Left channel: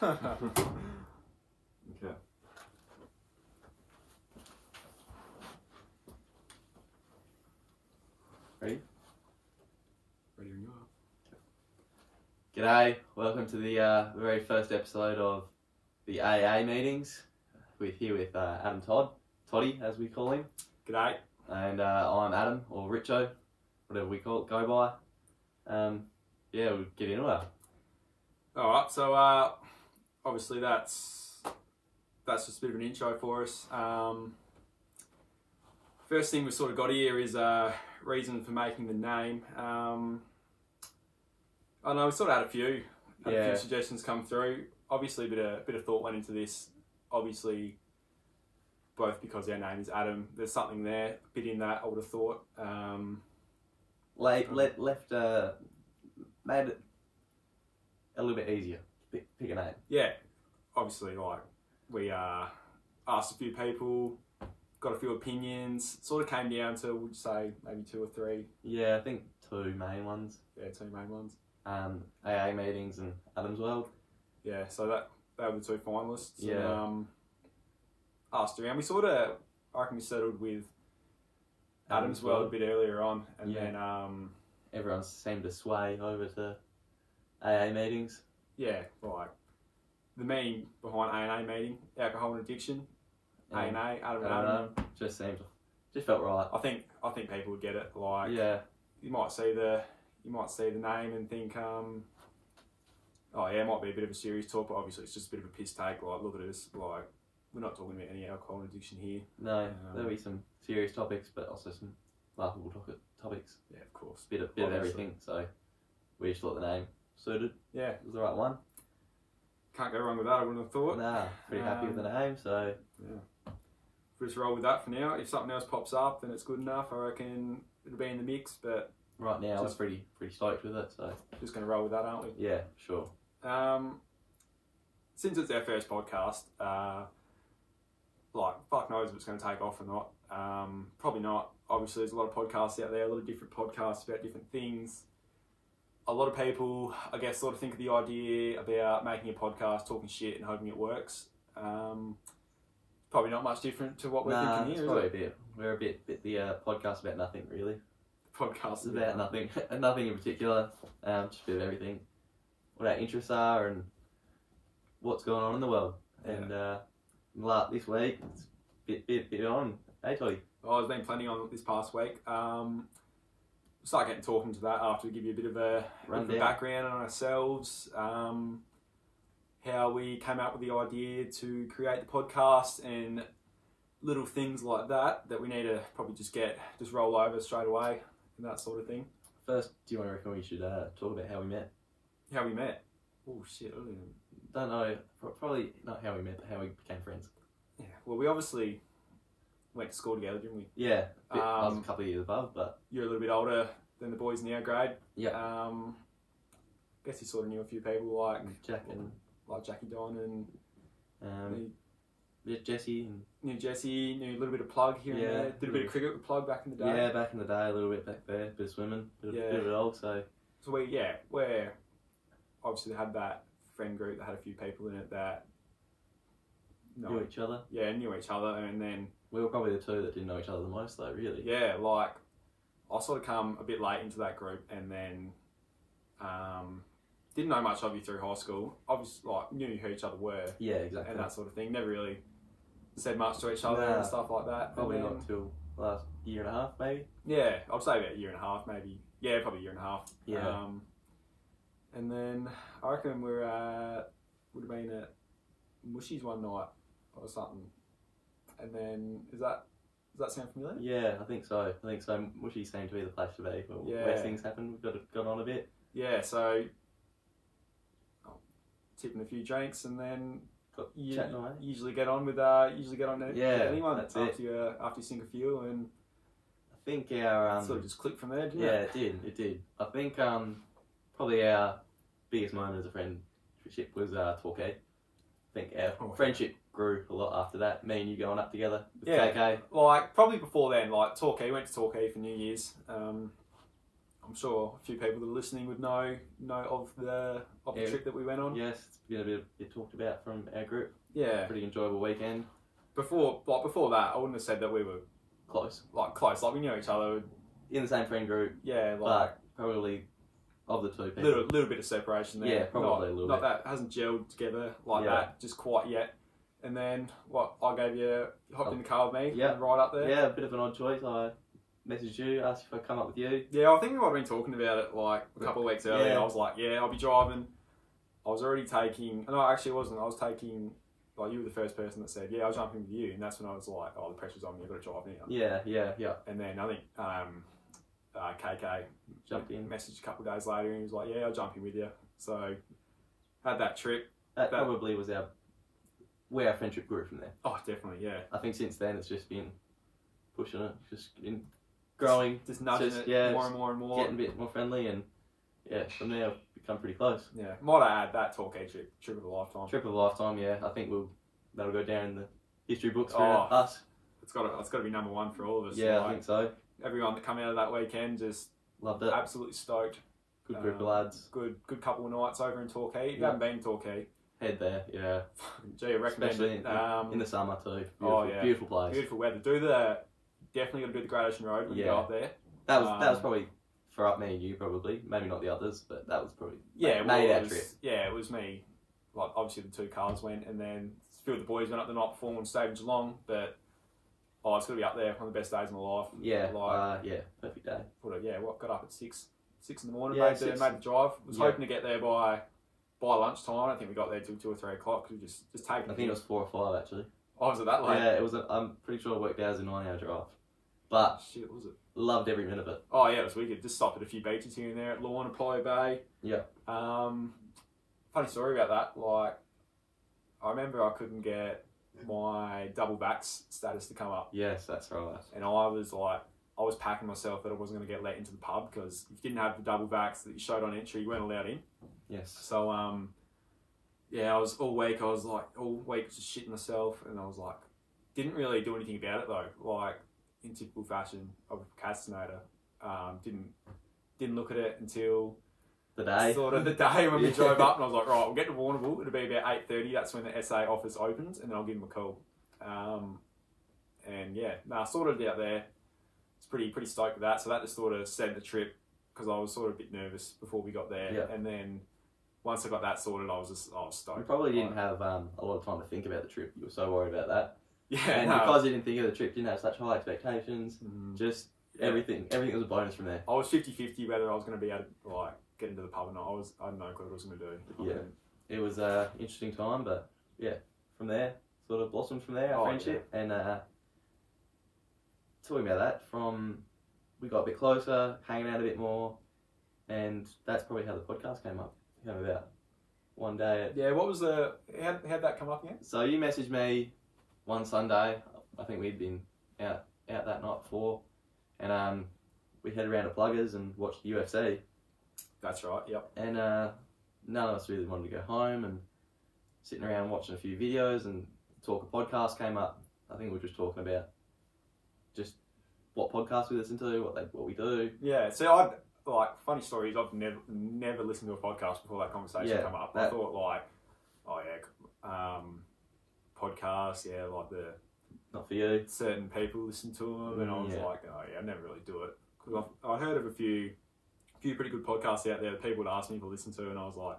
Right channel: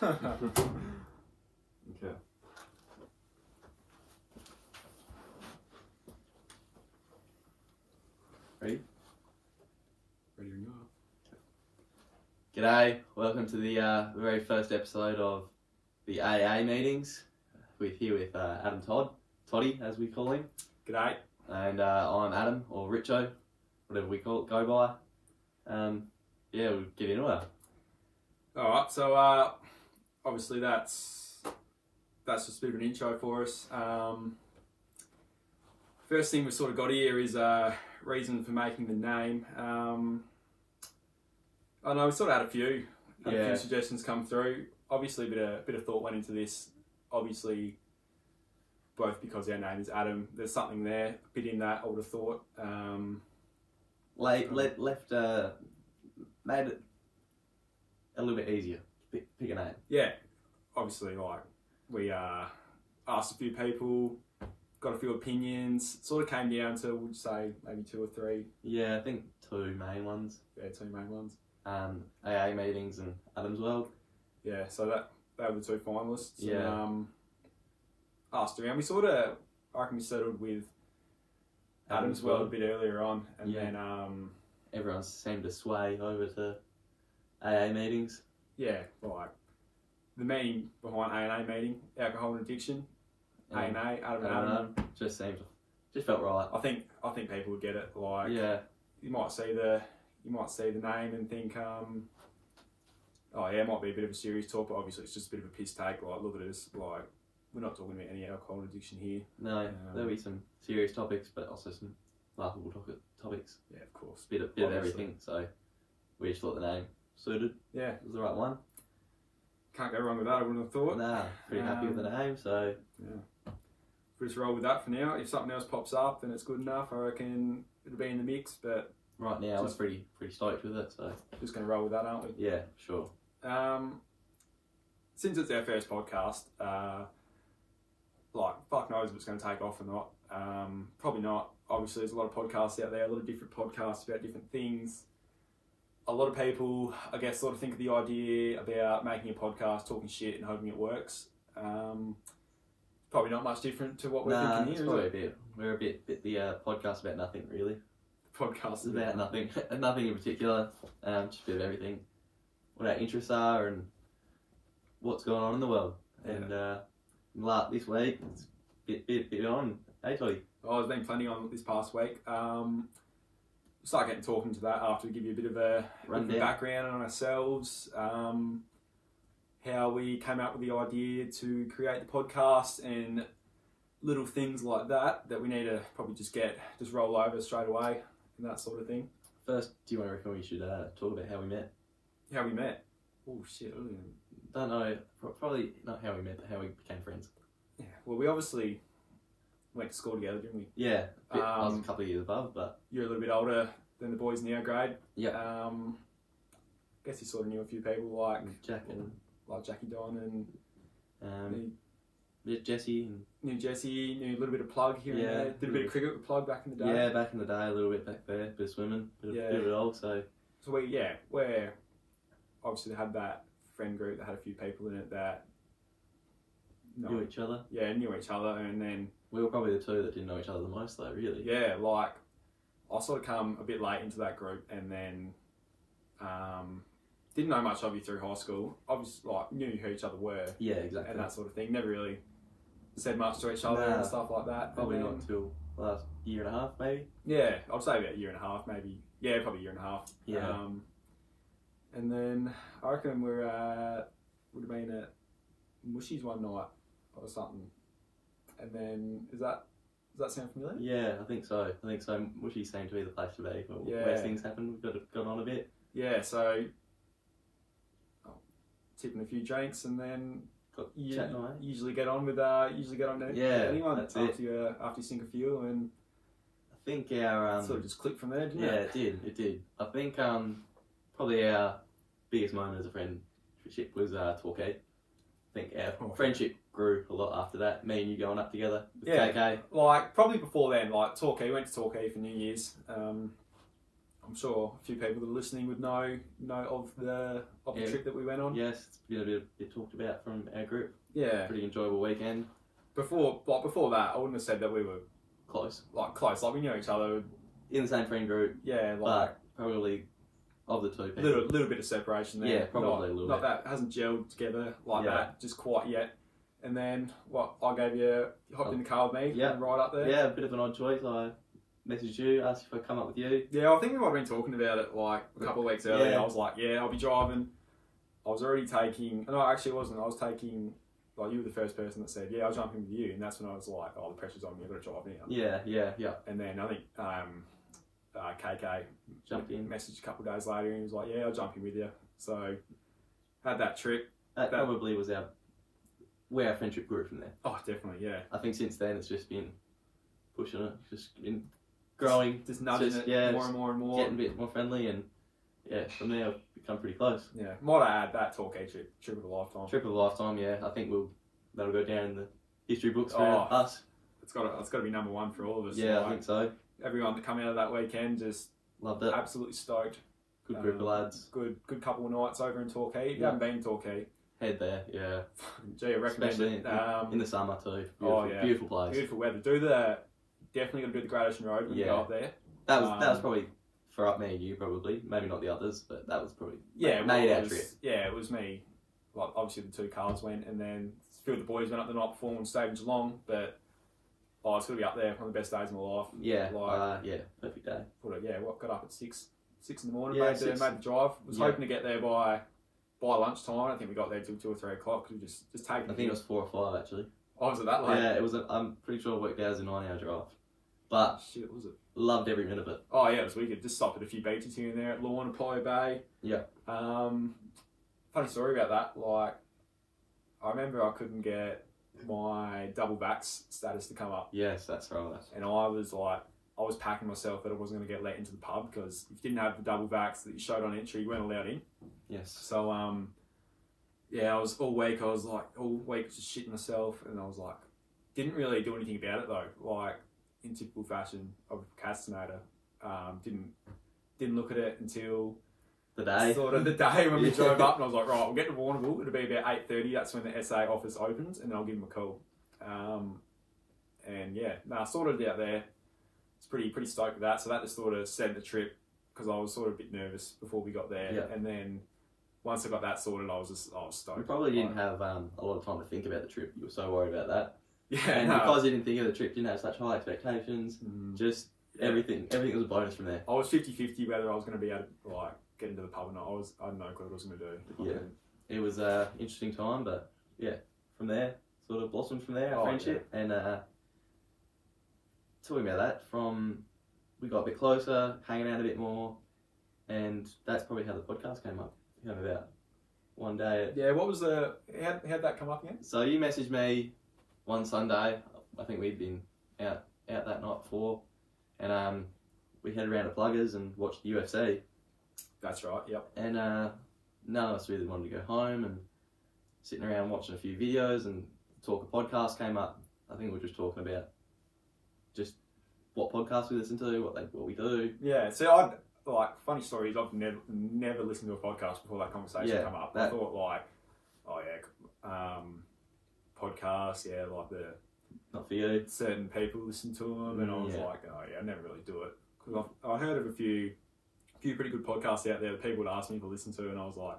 Okay. Ready? Ready to go. G'day, welcome to the very first episode of the A&A Meetings. We're here with Adam Toddy as we call him. G'day. And I'm Adam, or Richo, whatever we go by. Yeah, we'll get into it. Alright, so obviously that's just a bit of an intro for us. First thing we sort of got here is reason for making the name. I know we sort of had a few suggestions come through. Obviously a bit of thought went into this. Obviously, both because our name is Adam, there's something there, a bit in that I would have thought. Made it a little bit easier. Pick a name. Yeah, obviously, like we asked a few people, got a few opinions. Sort of came down to, would you say, maybe 2 or 3? Yeah, I think 2 main ones. Yeah, 2 main ones. A&A Meetings and Adam's World. Yeah, so that were the 2 finalists. Yeah. And, asked around. We sort of, I reckon we settled with Adam's World a bit earlier on, and then everyone seemed to sway over to A&A Meetings. Yeah, like the meaning behind A&A meeting, alcohol and addiction. A&A, Adam and Adam. Just felt right. I think people would get it. Like, yeah, you might see the name and think, oh yeah, it might be a bit of a serious talk, but obviously it's just a bit of a piss take. Like, look at us, like we're not talking about any alcohol and addiction here. No, there'll be some serious topics, but also some laughable topics. Yeah, of course. Bit of everything. So we just thought the name suited. Yeah, it was the right one. Can't go wrong with that, I wouldn't have thought. Nah, pretty happy with the name. So yeah, we'll just roll with that for now. If something else pops up and it's good enough, I reckon it'll be in the mix. But right now, we're pretty stoked with it. So just gonna roll with that, aren't we? Yeah, sure. Since it's our first podcast, like fuck knows if it's going to take off or not. Probably not. Obviously, there's a lot of podcasts out there, a lot of different podcasts about different things. A lot of people, I guess, sort of think of the idea about making a podcast, talking shit, and hoping it works. Probably not much different to what we're thinking here. Probably a bit. We're a bit the podcast about nothing, really. Podcast about nothing, nothing in particular. Just a bit of everything. What our interests are and what's going on in the world. Yeah. And this week, it's a bit on. Hey, Toddy. Oh, there's been plenty on this past week. Start getting talking to that after we give you a bit of a background on ourselves, how we came up with the idea to create the podcast and little things like that we need to probably just roll over straight away and that sort of thing. First, do you want to reckon we should talk about how we met? How we met? Oh shit, don't know. Probably not how we met, but how we became friends. Yeah, well, we obviously went to school together, didn't we? Yeah, I was a couple of years above, but you're a little bit older than the boys in our grade. Yeah. Guess you sort of knew a few people like Jackie Don and Jesse. Knew Jesse. Knew a little bit of Plug here and there. Did a bit of cricket with Plug back in the day. Yeah, back in the day, a little bit back there. Bit of swimming, bit of it all. So we're obviously had that friend group that had a few people in it that knew each other. Yeah, knew each other, and then we were probably the 2 that didn't know each other the most, though. Really. Yeah, like I sort of come a bit late into that group, and then didn't know much of you through high school. Obviously, like knew who each other were. Yeah, exactly. And that sort of thing. Never really said much to each other and stuff like that. Probably not until the last year and a half, maybe. Yeah, I'd say about a year and a half, maybe. Yeah, probably a year and a half. Yeah. And then I reckon would have been at Mushy's one night or something. And then does that sound familiar? Yeah, I think so. Mushy seemed to be the place to be. Where things happened, we've got on a bit. Yeah, so tipping a few drinks and then usually get on with anyone after you sink a few, and I think our sort of just clicked from there, didn't it? Yeah, it did. I think probably our biggest moment as a friendship was Torquay. I think our friendship grew a lot after that. Me and you going up together with KK. Like probably before then, like Torquay, went to Torquay for New Year's. I'm sure a few people that are listening would know of the trip that we went on. Yes, it's been a bit talked about from our group. Yeah, pretty enjoyable weekend. Before that, I wouldn't have said that we were close. Like we knew each other in the same friend group. Yeah, but probably of the two people, little bit of separation there. Yeah, probably a little bit. Not that hasn't gelled together like that just quite yet. And then I gave you hopped in the car with me. Yeah, right up there. Yeah, a bit of an odd choice. I messaged you, asked if I'd come up with you. Yeah, I think we might have been talking about it like a couple of weeks earlier. Yeah. I was like, yeah, I'll be driving. I was already taking. No, actually, it wasn't. I was taking. Like, you were the first person that said, yeah, I'll jump in with you. And that's when I was like, oh, the pressure's on me, I've got to drive now. Yeah. And then I think KK jumped in. Messaged a couple of days later and he was like, yeah, I'll jump in with you. So, had that trip. That probably was where our friendship grew from there. Oh, definitely, yeah. I think since then it's just been pushing it, just been growing. Just nudging it more and more and more. Getting a bit more friendly and from there I've become pretty close. Yeah, might I add that Torquay trip of a lifetime. Trip of a lifetime, yeah. I think that'll go down in the history books for us. It's got to be number one for all of us. Yeah, I think so. Everyone that come out of that weekend just loved it. Absolutely stoked. Good group of lads. Good couple of nights over in Torquay. If you haven't been to Torquay, head there. Yeah. Gee, I recommend especially it. In the summer too. Beautiful place. Beautiful weather. Definitely got to do the Great Ocean Road when you go up there. That was probably for me and you probably, maybe not the others, but that was probably made our trip. Yeah, it was me. Like obviously the two cars went, and then a few of the boys went up the night before and stayed in Geelong. But it's gonna be up there, one of the best days of my life. Yeah, perfect day. Got up at 6 in the morning. Made the drive. Was hoping to get there by lunchtime. I don't think we got there till 2 or 3 o'clock. We just taking. I think it was 4 or 5 actually. Oh, was it that late? Yeah, it was. I'm pretty sure it worked out as a 9-hour drive. But shit, was it? Loved every minute of it. Oh yeah, it was wicked. Just stopped at a few beaches here and there at Lawn and Playa Bay. Yeah. Funny story about that. Like, I remember I couldn't get my double vax status to come up. Yes, that's right. And I was packing myself that I wasn't going to get let into the pub because if you didn't have the double vax that you showed on entry, you weren't allowed in. Yes. So I was all week just shitting myself, and I was like, didn't really do anything about it though. Like, in typical fashion of a procrastinator, didn't look at it until the day when we drove up, and I was like, right, we'll get to Warrnambool. It'll be about 8:30. That's when the SA office opens, and then I'll give them a call. Sorted it out there. It's pretty stoked with that. So that just sort of set the trip because I was sort of a bit nervous before we got there, and then once I got that sorted, I was stoked. You probably didn't have a lot of time to think about the trip. You were so worried about that. Yeah, and because you didn't think of the trip, you didn't have such high expectations. Just everything was a bonus from there. I was 50-50 whether I was going to be able to get into the pub or not. I had no clue what I was going to do. Yeah, it was an interesting time, but from there, sort of blossomed from there, our friendship. And talking about that, we got a bit closer, hanging out a bit more, and that's probably how the podcast came about one day. What was how'd that come up again? So you messaged me one Sunday. I think we'd been out that night before, and we headed around to Pluggers and watched the UFC. That's right. Yep. And none of us really wanted to go home, and sitting around watching a few videos, and Talk a Podcast came up. I think we were just talking about just what podcasts we listen to, what we do. Yeah. So funny stories. I've never listened to a podcast before that conversation come up. I thought podcasts, not for you. Certain people listen to them, and I was like, I never really do it because I heard of a few pretty good podcasts out there that people would ask me to listen to, and I was like,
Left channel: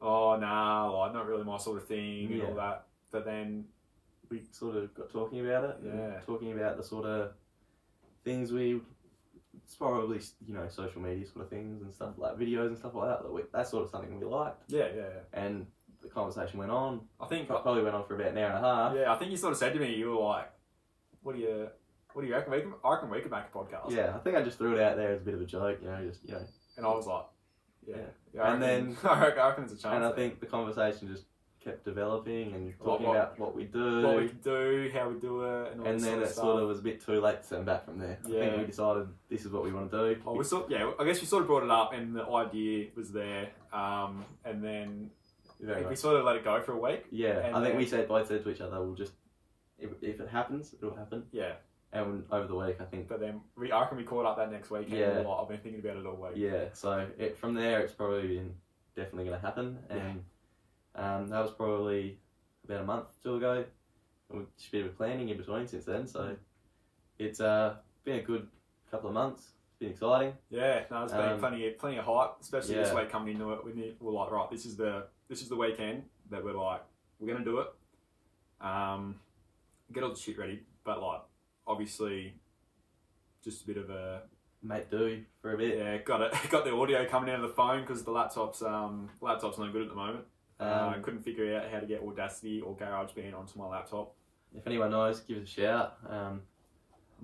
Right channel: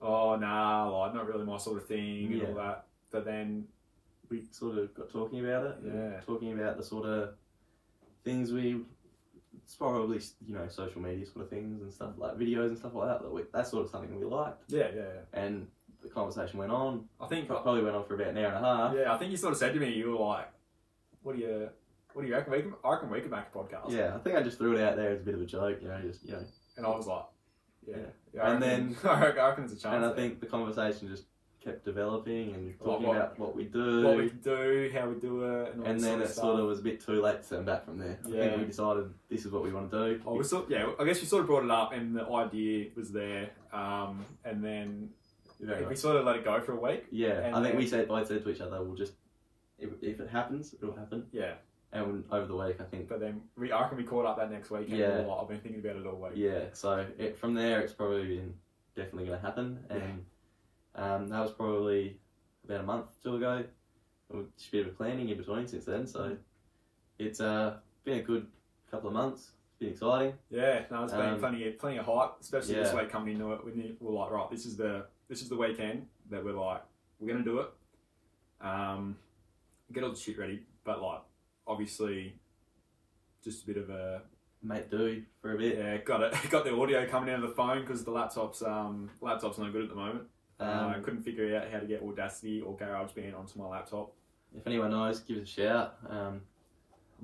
oh nah, not really my sort of thing and all that. But then we sort of got talking about it, talking about the sort of things it's probably social media sort of things and stuff like videos and stuff like that. That's sort of something we liked. Yeah. And the conversation went on. I think it probably went on for about an hour and a half. Yeah, I think you sort of said to me, you were like, "What do you reckon? I reckon we could make a podcast." Yeah, I think I just threw it out there as a bit of a joke, And I was like, and then I reckon there's a chance. And I think the conversation just kept developing and talking about what we do, how we do it, and then it sort of was a bit too late to turn back from there. I think we decided this is what we want to do. I guess we sort of brought it up, and the idea was there, and then we sort of let it go for a week. Yeah, I think we both said to each other, we'll just if it happens, it'll happen. Yeah, and over the week, I think. But then I reckon we caught up that next week. And I've been thinking about it all week. Yeah, so from there, it's probably been definitely going to happen. And that was probably about a month or two ago. Just a bit of planning in between since then. So it's been a good couple of months. It's been exciting. Yeah, no, it's been plenty of hype, especially this week coming into it. We're like, right, this is the weekend that we're like, we're going to do it. Get all the shit ready, but like, obviously, just a bit of a make do for a bit. Yeah, got the audio coming out of the phone because the laptop's not good at the moment. I couldn't figure out how to get Audacity or GarageBand onto my laptop. If anyone knows, give us a shout. I'm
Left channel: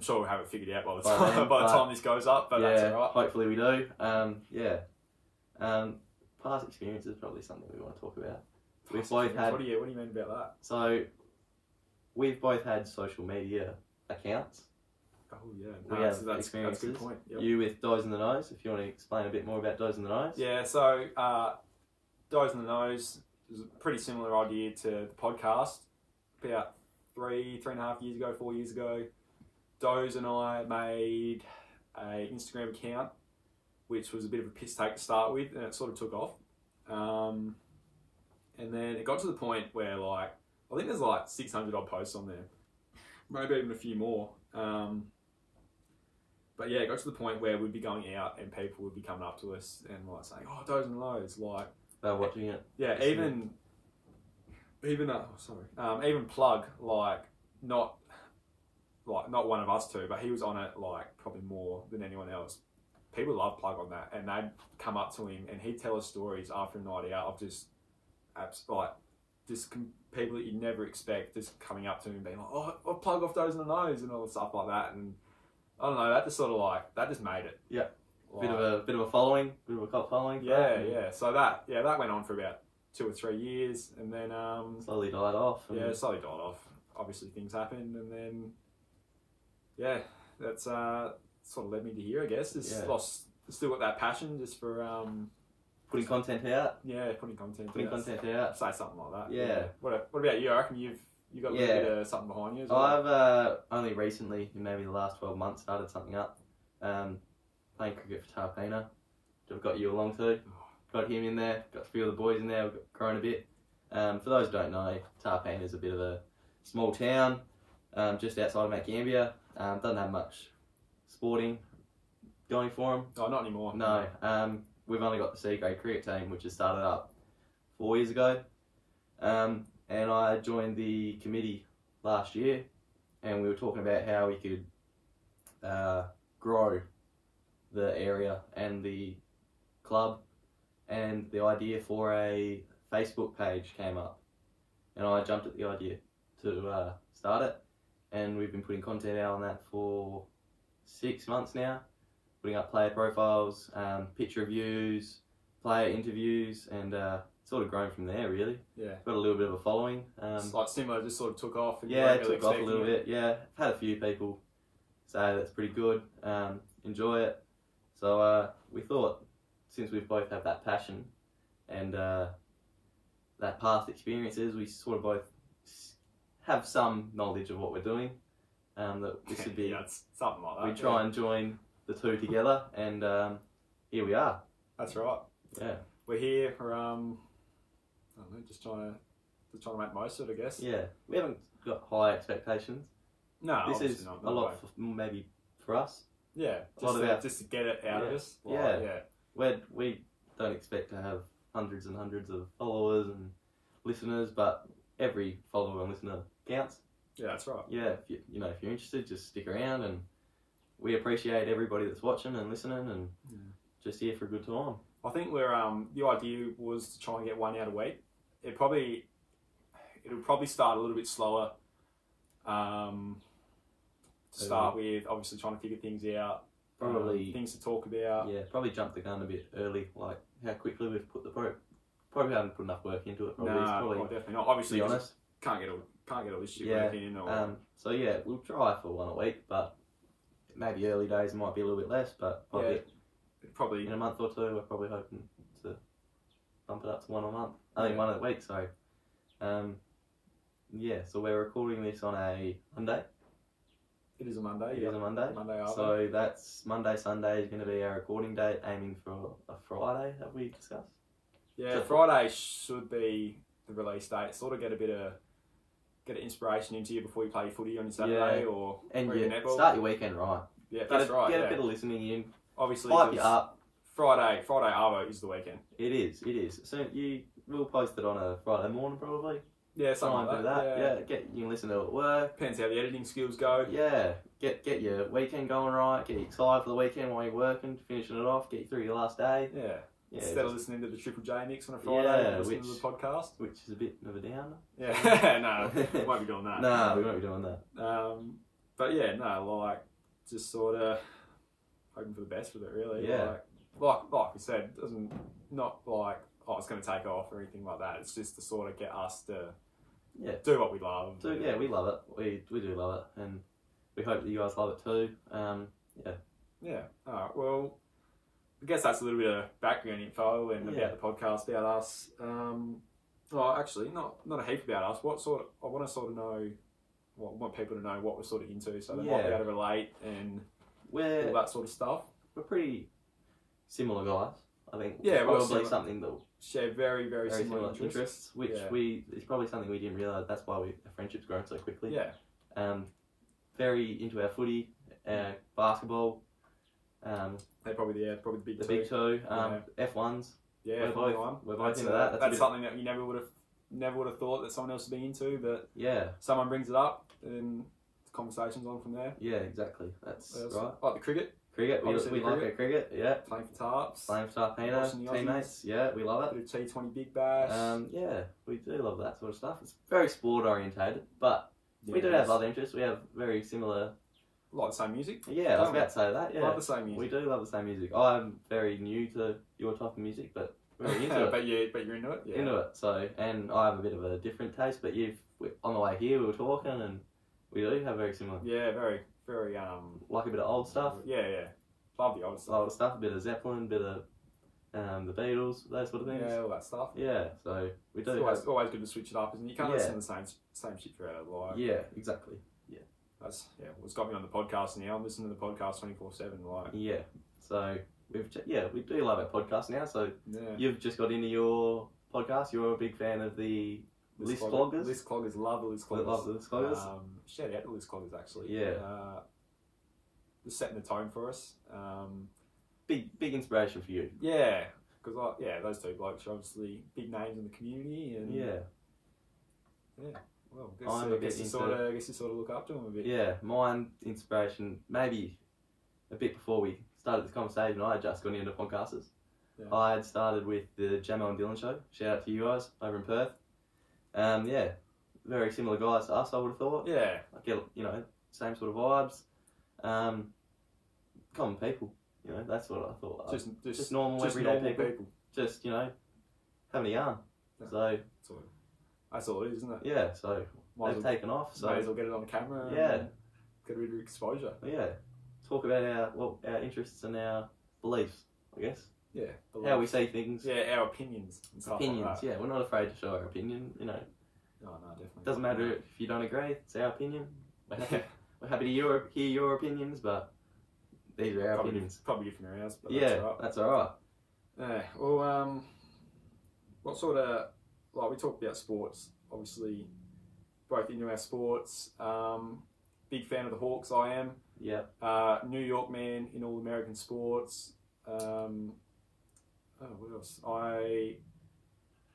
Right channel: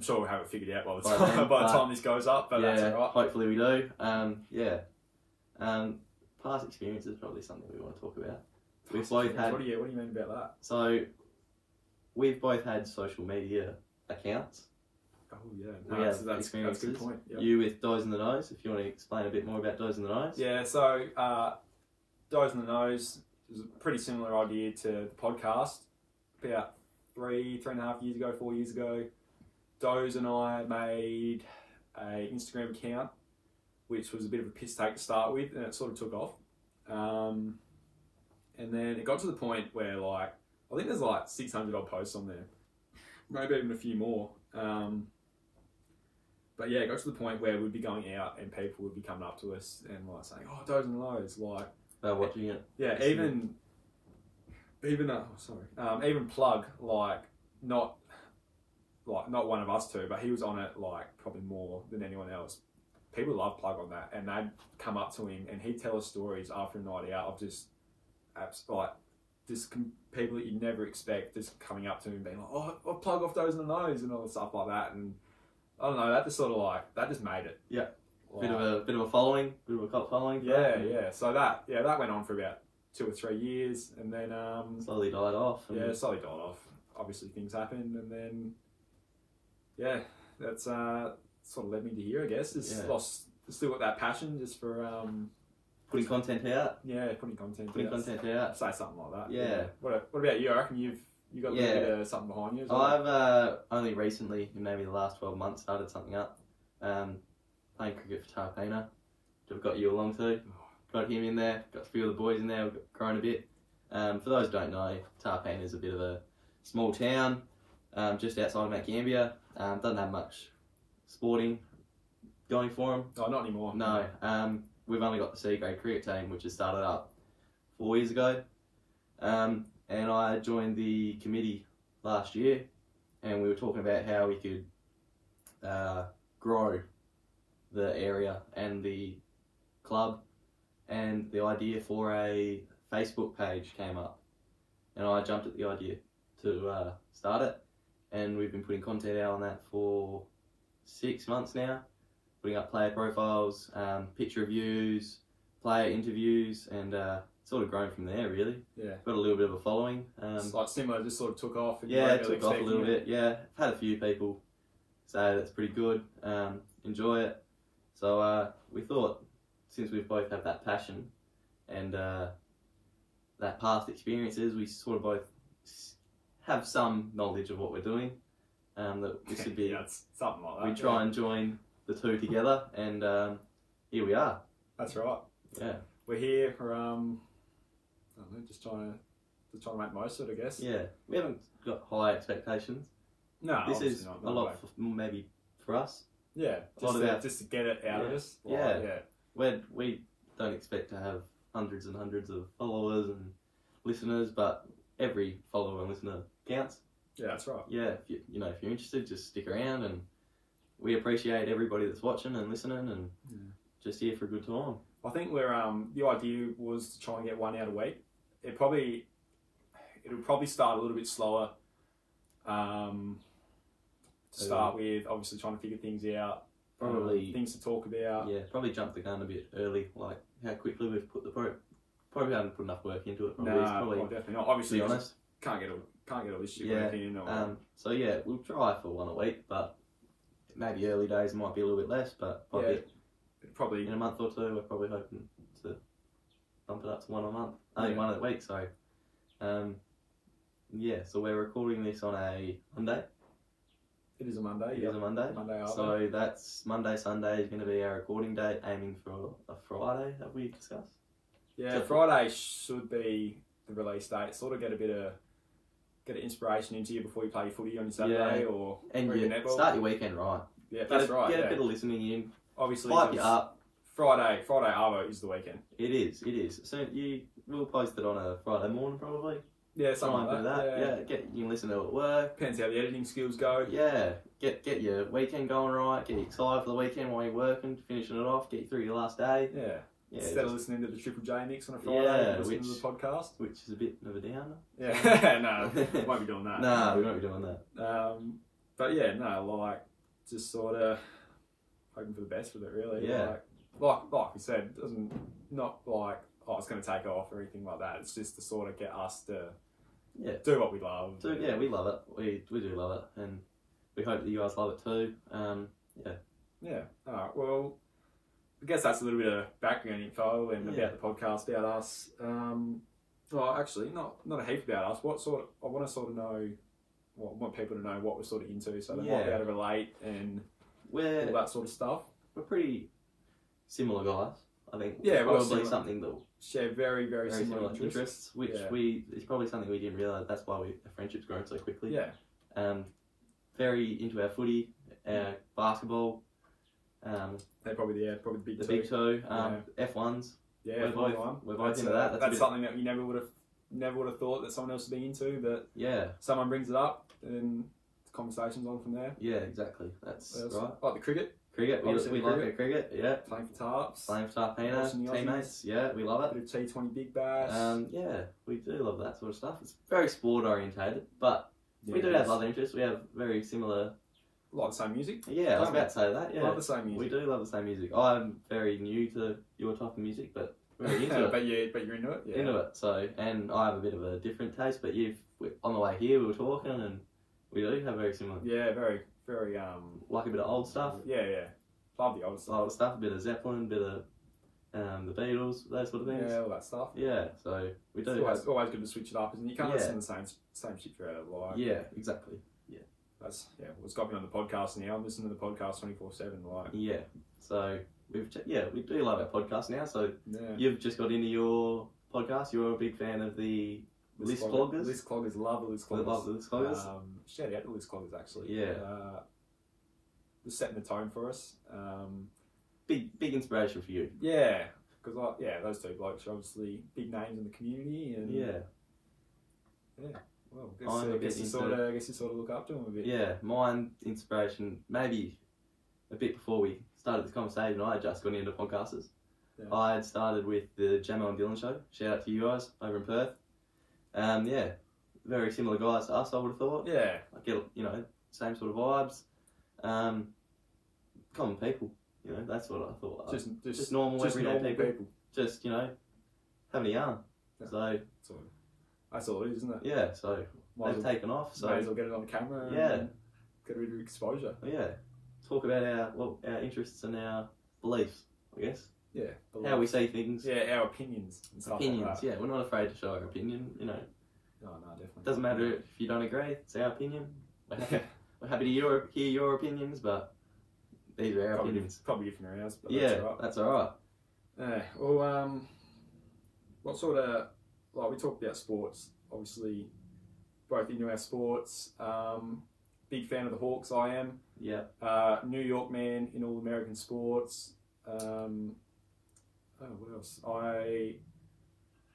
sure we'll have it figured out by the time this goes up, but that's all right. Hopefully we do. Past experience is probably something we want to talk about. We've both had. What do you mean about that? So, we've both had social media accounts. Oh yeah, we have experiences. That's a good point. Yep. You with Doze in the Nose, if you want to explain a bit more about Doze in the Nose. Yeah, so Doze in the Nose is a pretty similar idea to the podcast. About 3.5 years ago, 4 years ago, Doze and I made an Instagram account, which was a bit of a piss take to start with, and it sort of took off. And then it got to the point where, like, I think there's like 600 odd posts on there, maybe even a few more. But yeah, it got to the point where we'd be going out and people would be coming up to us and like saying, "Oh, Doze and Lows," like they're watching it. Yeah, even Plug, like not one of us two, but he was on it like probably more than anyone else. People love Plug on that, and they'd come up to him and he'd tell us stories after a night out of just people that you never expect just coming up to him and being like, "Oh, I'll Plug off Doze in the Nose," and all stuff like that. And I don't know, that just made it. Yeah. Like, bit of a following, bit of a cult following. Yeah. So that went on for about 2 or 3 years, and then slowly died off. Slowly died off. Obviously things happened, and then that's sort of led me to here, I guess. Still got that passion just for putting content out. Yeah, putting content out. Say something like that. Yeah. What about you? I reckon you got a little bit of something behind you as well. I've only recently, in maybe the last 12 months, started something up. Playing cricket for Tarpena, which I've got you along to. Got him in there, got a few of the boys in there, we've grown a bit. For those who don't know, Tarpena is a bit of a small town, just outside of Mount Gambier. Doesn't have much sporting going for them. Oh, not anymore. No. We've only got the C grade cricket team, which has started up 4 years ago. And I joined the committee last year, and we were talking about how we could grow the area and the club, and the idea for a Facebook page came up, and I jumped at the idea to start it, and we've been putting content out on that for 6 months now, putting up player profiles, picture reviews, player interviews, and sort of grown from there really. Yeah. Got a little bit of a following. It's like similar, just sort of took off. And it took off a little bit. Yeah, I've had a few people say that's pretty good, enjoy it. So we thought, since we've both had that passion and that past experiences, we sort of both have some knowledge of what we're doing. That this would be something like that. We try and join the two together, and here we are. That's right. Yeah, we're here for I don't know, just trying to make the most of it, I guess. Yeah, we haven't got high expectations. No, this is not, a lot maybe for us. Yeah, just to get it out of us. We don't expect to have hundreds and hundreds of followers and listeners, but every follower and listener counts. Yeah, that's right. Yeah, if you're interested, just stick around, and we appreciate everybody that's watching and listening, and just here for a good time. I think the idea was to try and get one out a week. It'll probably start a little bit slower. To start with, obviously trying to figure things out, probably things to talk about. Yeah, probably jump the gun a bit early, like how quickly we've put the probably haven't put enough work into it. Probably definitely not. Obviously, to be honest, can't get all this shit work in. So yeah, we'll try for one a week, but maybe early days might be a little bit less, but probably in a month or two, we're probably hoping to bump it up to one a month. I think one a week. Sorry. So we're recording this on a Monday. It is a Monday. It is a Monday. Monday after. So that's Monday, Sunday is going to be our recording date, aiming for a Friday, have we discussed? Yeah, So Friday should be the release date. Sort of get an inspiration into you before you play your footy on your Saturday or your netball. Start your weekend right. Yeah, that's right. Get a bit of listening in. Obviously, hype you up. Friday Arvo is the weekend. It is. So we'll post it on a Friday morning probably. Yeah, something like that. Yeah, you can listen to it at work. Depends how the editing skills go. Yeah, get your weekend going right. Get you excited for the weekend while you're working, finishing it off. Get you through your last day. Yeah. Instead of listening to the Triple J mix on a Friday, listening to the podcast, which is a bit of a downer. Yeah, no, we won't be doing that. No, we won't be doing that. But yeah, no, like just sort of hoping for the best with it, really. Yeah. Like I said, not like it's going to take off or anything like that. It's just to sort of get us to do what we love. Yeah, we love it. We do love it, and we hope that you guys love it too. Yeah. All right. Well, I guess that's a little bit of background info and about the podcast, about us. Well, actually, not a heap about us. I want to sort of know, I want people to know what we're sort of into, so they might be able to relate and all that sort of stuff. We're pretty similar guys, I think. Yeah, probably something that share very, very similar interests, which is probably something we didn't realise. That's why our friendship's grown so quickly. Yeah. Very into our footy, basketball. They're probably the big the two. big two. F1s. Yeah, we're both into that. That's something that you never would have thought that someone else would be into, but someone brings it up and the conversation's on from there. Yeah, exactly. That's right. Like the cricket. We like our cricket. Yeah. Playing for Tarps. Playing for Tarpina teammates. Yeah, we love it. Bit of T20 Big Bash. Yeah, we do love that sort of stuff. It's very sport orientated, but we do have other interests. We have very similar. Like the same music? Yeah, I was about to say that. Yeah, love the same music. We do love the same music. I'm very new to your type of music, but very into it. But you're into it. Yeah. Into it. So, and I have a bit of a different taste. But on the way here, we were talking, and we do have very similar. Yeah, very, very. Like a bit of old stuff. Yeah. Love the old stuff. A bit of Zeppelin, a bit of the Beatles, those sort of things. Yeah, all that stuff. Yeah, so we do. It's always good to switch it up, isn't it? You can't listen to the same shit throughout the life. Yeah, exactly. That's what's got me on the podcast now. I'm listening to the podcast 24/7. Like so we do love our podcast now. So you've just got into your podcast. You're a big fan of the List Cloggers. List Cloggers, love the List Cloggers. Love the List Cloggers. Shout out to List Cloggers actually. Yeah, just setting the tone for us. Big inspiration for you. Yeah, because those two blokes are obviously big names in the community, and well, I guess you sort of look up to them a bit. Yeah, mine inspiration maybe a bit before we started this conversation. I had just got into podcasters. Yeah. I had started with the Jamo and Dylan show. Shout out to you guys over in Perth. Very similar guys to us, I would have thought. Yeah, I get same sort of vibes. Common people. That's what I thought. Just normal everyday people. Just having a yarn. Yeah. So. That's all it is, isn't it? Yeah, so they've taken off. So might as well get it on camera. And get a bit of exposure. Yeah, talk about our interests and our beliefs, I guess. Yeah, how we see things. Yeah, our opinions. And stuff like that. Yeah, we're not afraid to show our opinion. No, definitely. Doesn't matter if you don't agree. It's our opinion. We're happy to hear your opinions, but these are our opinions. Probably different than ours. But that's all right. Yeah. Well, what sort of we talked about sports, obviously, both into our sports. Big fan of the Hawks, I am. Yeah. New York man in all American sports. What else?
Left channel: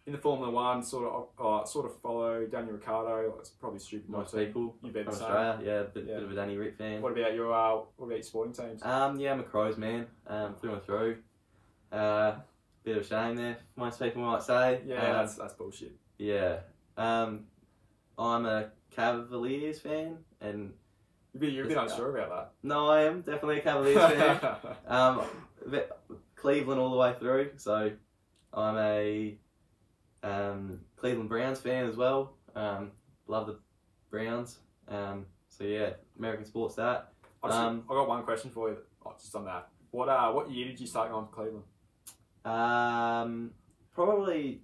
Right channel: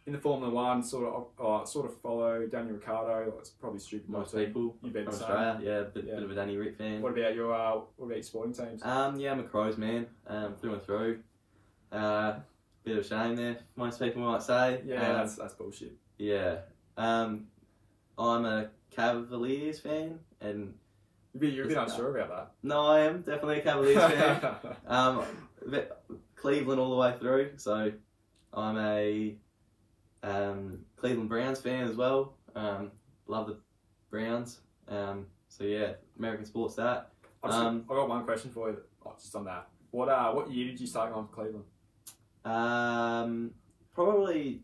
In the Formula One, sort of follow Daniel Ricciardo. It's probably stupid. Most people. You bet. From Australia, a bit of a Danny Rick fan. What about your sporting teams? I'm a Crows man. Through and through. Bit of a shame there, most people might say. Yeah, that's bullshit. Yeah. I'm a Cavaliers fan, and you're a bit unsure about that. No, I am definitely a Cavaliers fan. Cleveland all the way through, so I'm a Cleveland Browns fan as well. Love the Browns. So yeah, American sports. That. I got one question for you. Just on that. What year did you start going to Cleveland? Probably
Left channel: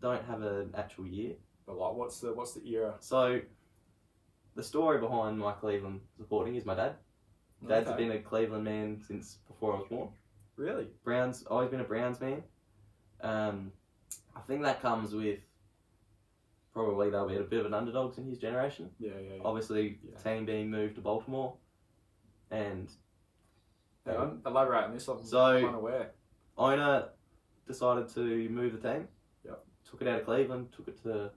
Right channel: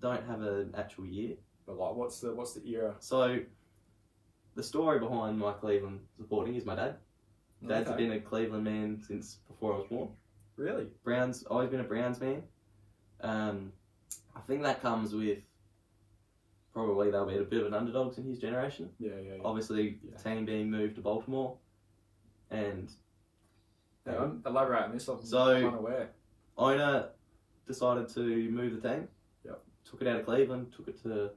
don't have an actual year. But what's the era? So the story behind my Cleveland supporting is my dad. Dad's been a Cleveland man since before I was born. Really? Browns, always been a Browns man. I think that comes with probably they'll be a bit of an underdogs in his generation. Yeah. Obviously, the team being moved to Baltimore, and elaborate on this. I'm unaware. Owner decided to move the team. Yep. Took it out of Cleveland, took it to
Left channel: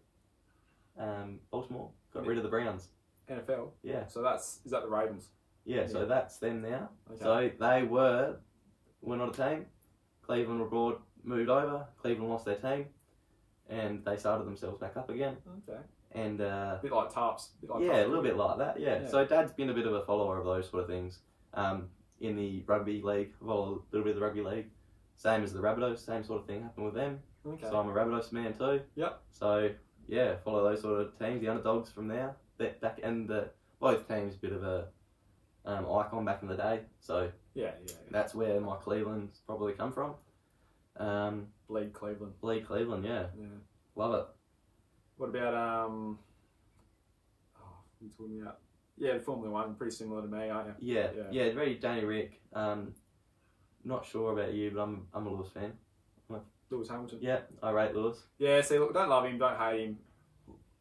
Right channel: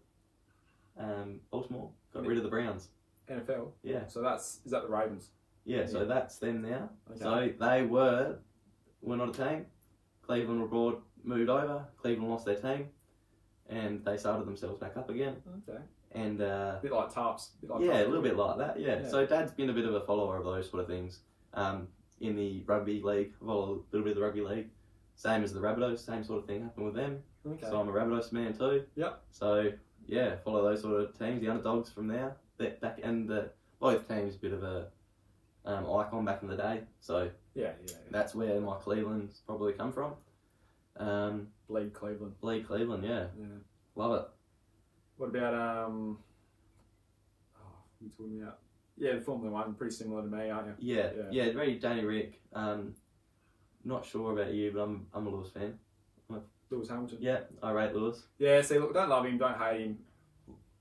Baltimore, got rid of the Browns. NFL. Yeah. So is that the Ravens? Yeah. So that's them now. Okay. So they were not a team. Cleveland moved over. Cleveland lost their team, and they started themselves back up again. Okay. And a bit like Tarps. A little bit like that. Yeah. So Dad's been a bit of a follower of those sort of things. In the rugby league, a little bit of the rugby league, same as the Rabbitohs, same sort of thing happened with them. Okay. So I'm a Rabbitohs man too. Yep. So yeah, follow those sort of teams, the underdogs from there. Both teams a bit of a icon back in the day. So yeah. That's where my Cleveland's probably come from. Bleed Cleveland. Bleed Cleveland, yeah. Love it. What about what are you talking about? Yeah, the Formula One, pretty similar to me, aren't you? Yeah. Very Danny Rick. Not sure about you, but I'm a Lewis fan. Lewis Hamilton. Yeah, I rate Lewis. Yeah, see, look, don't love him, don't hate him.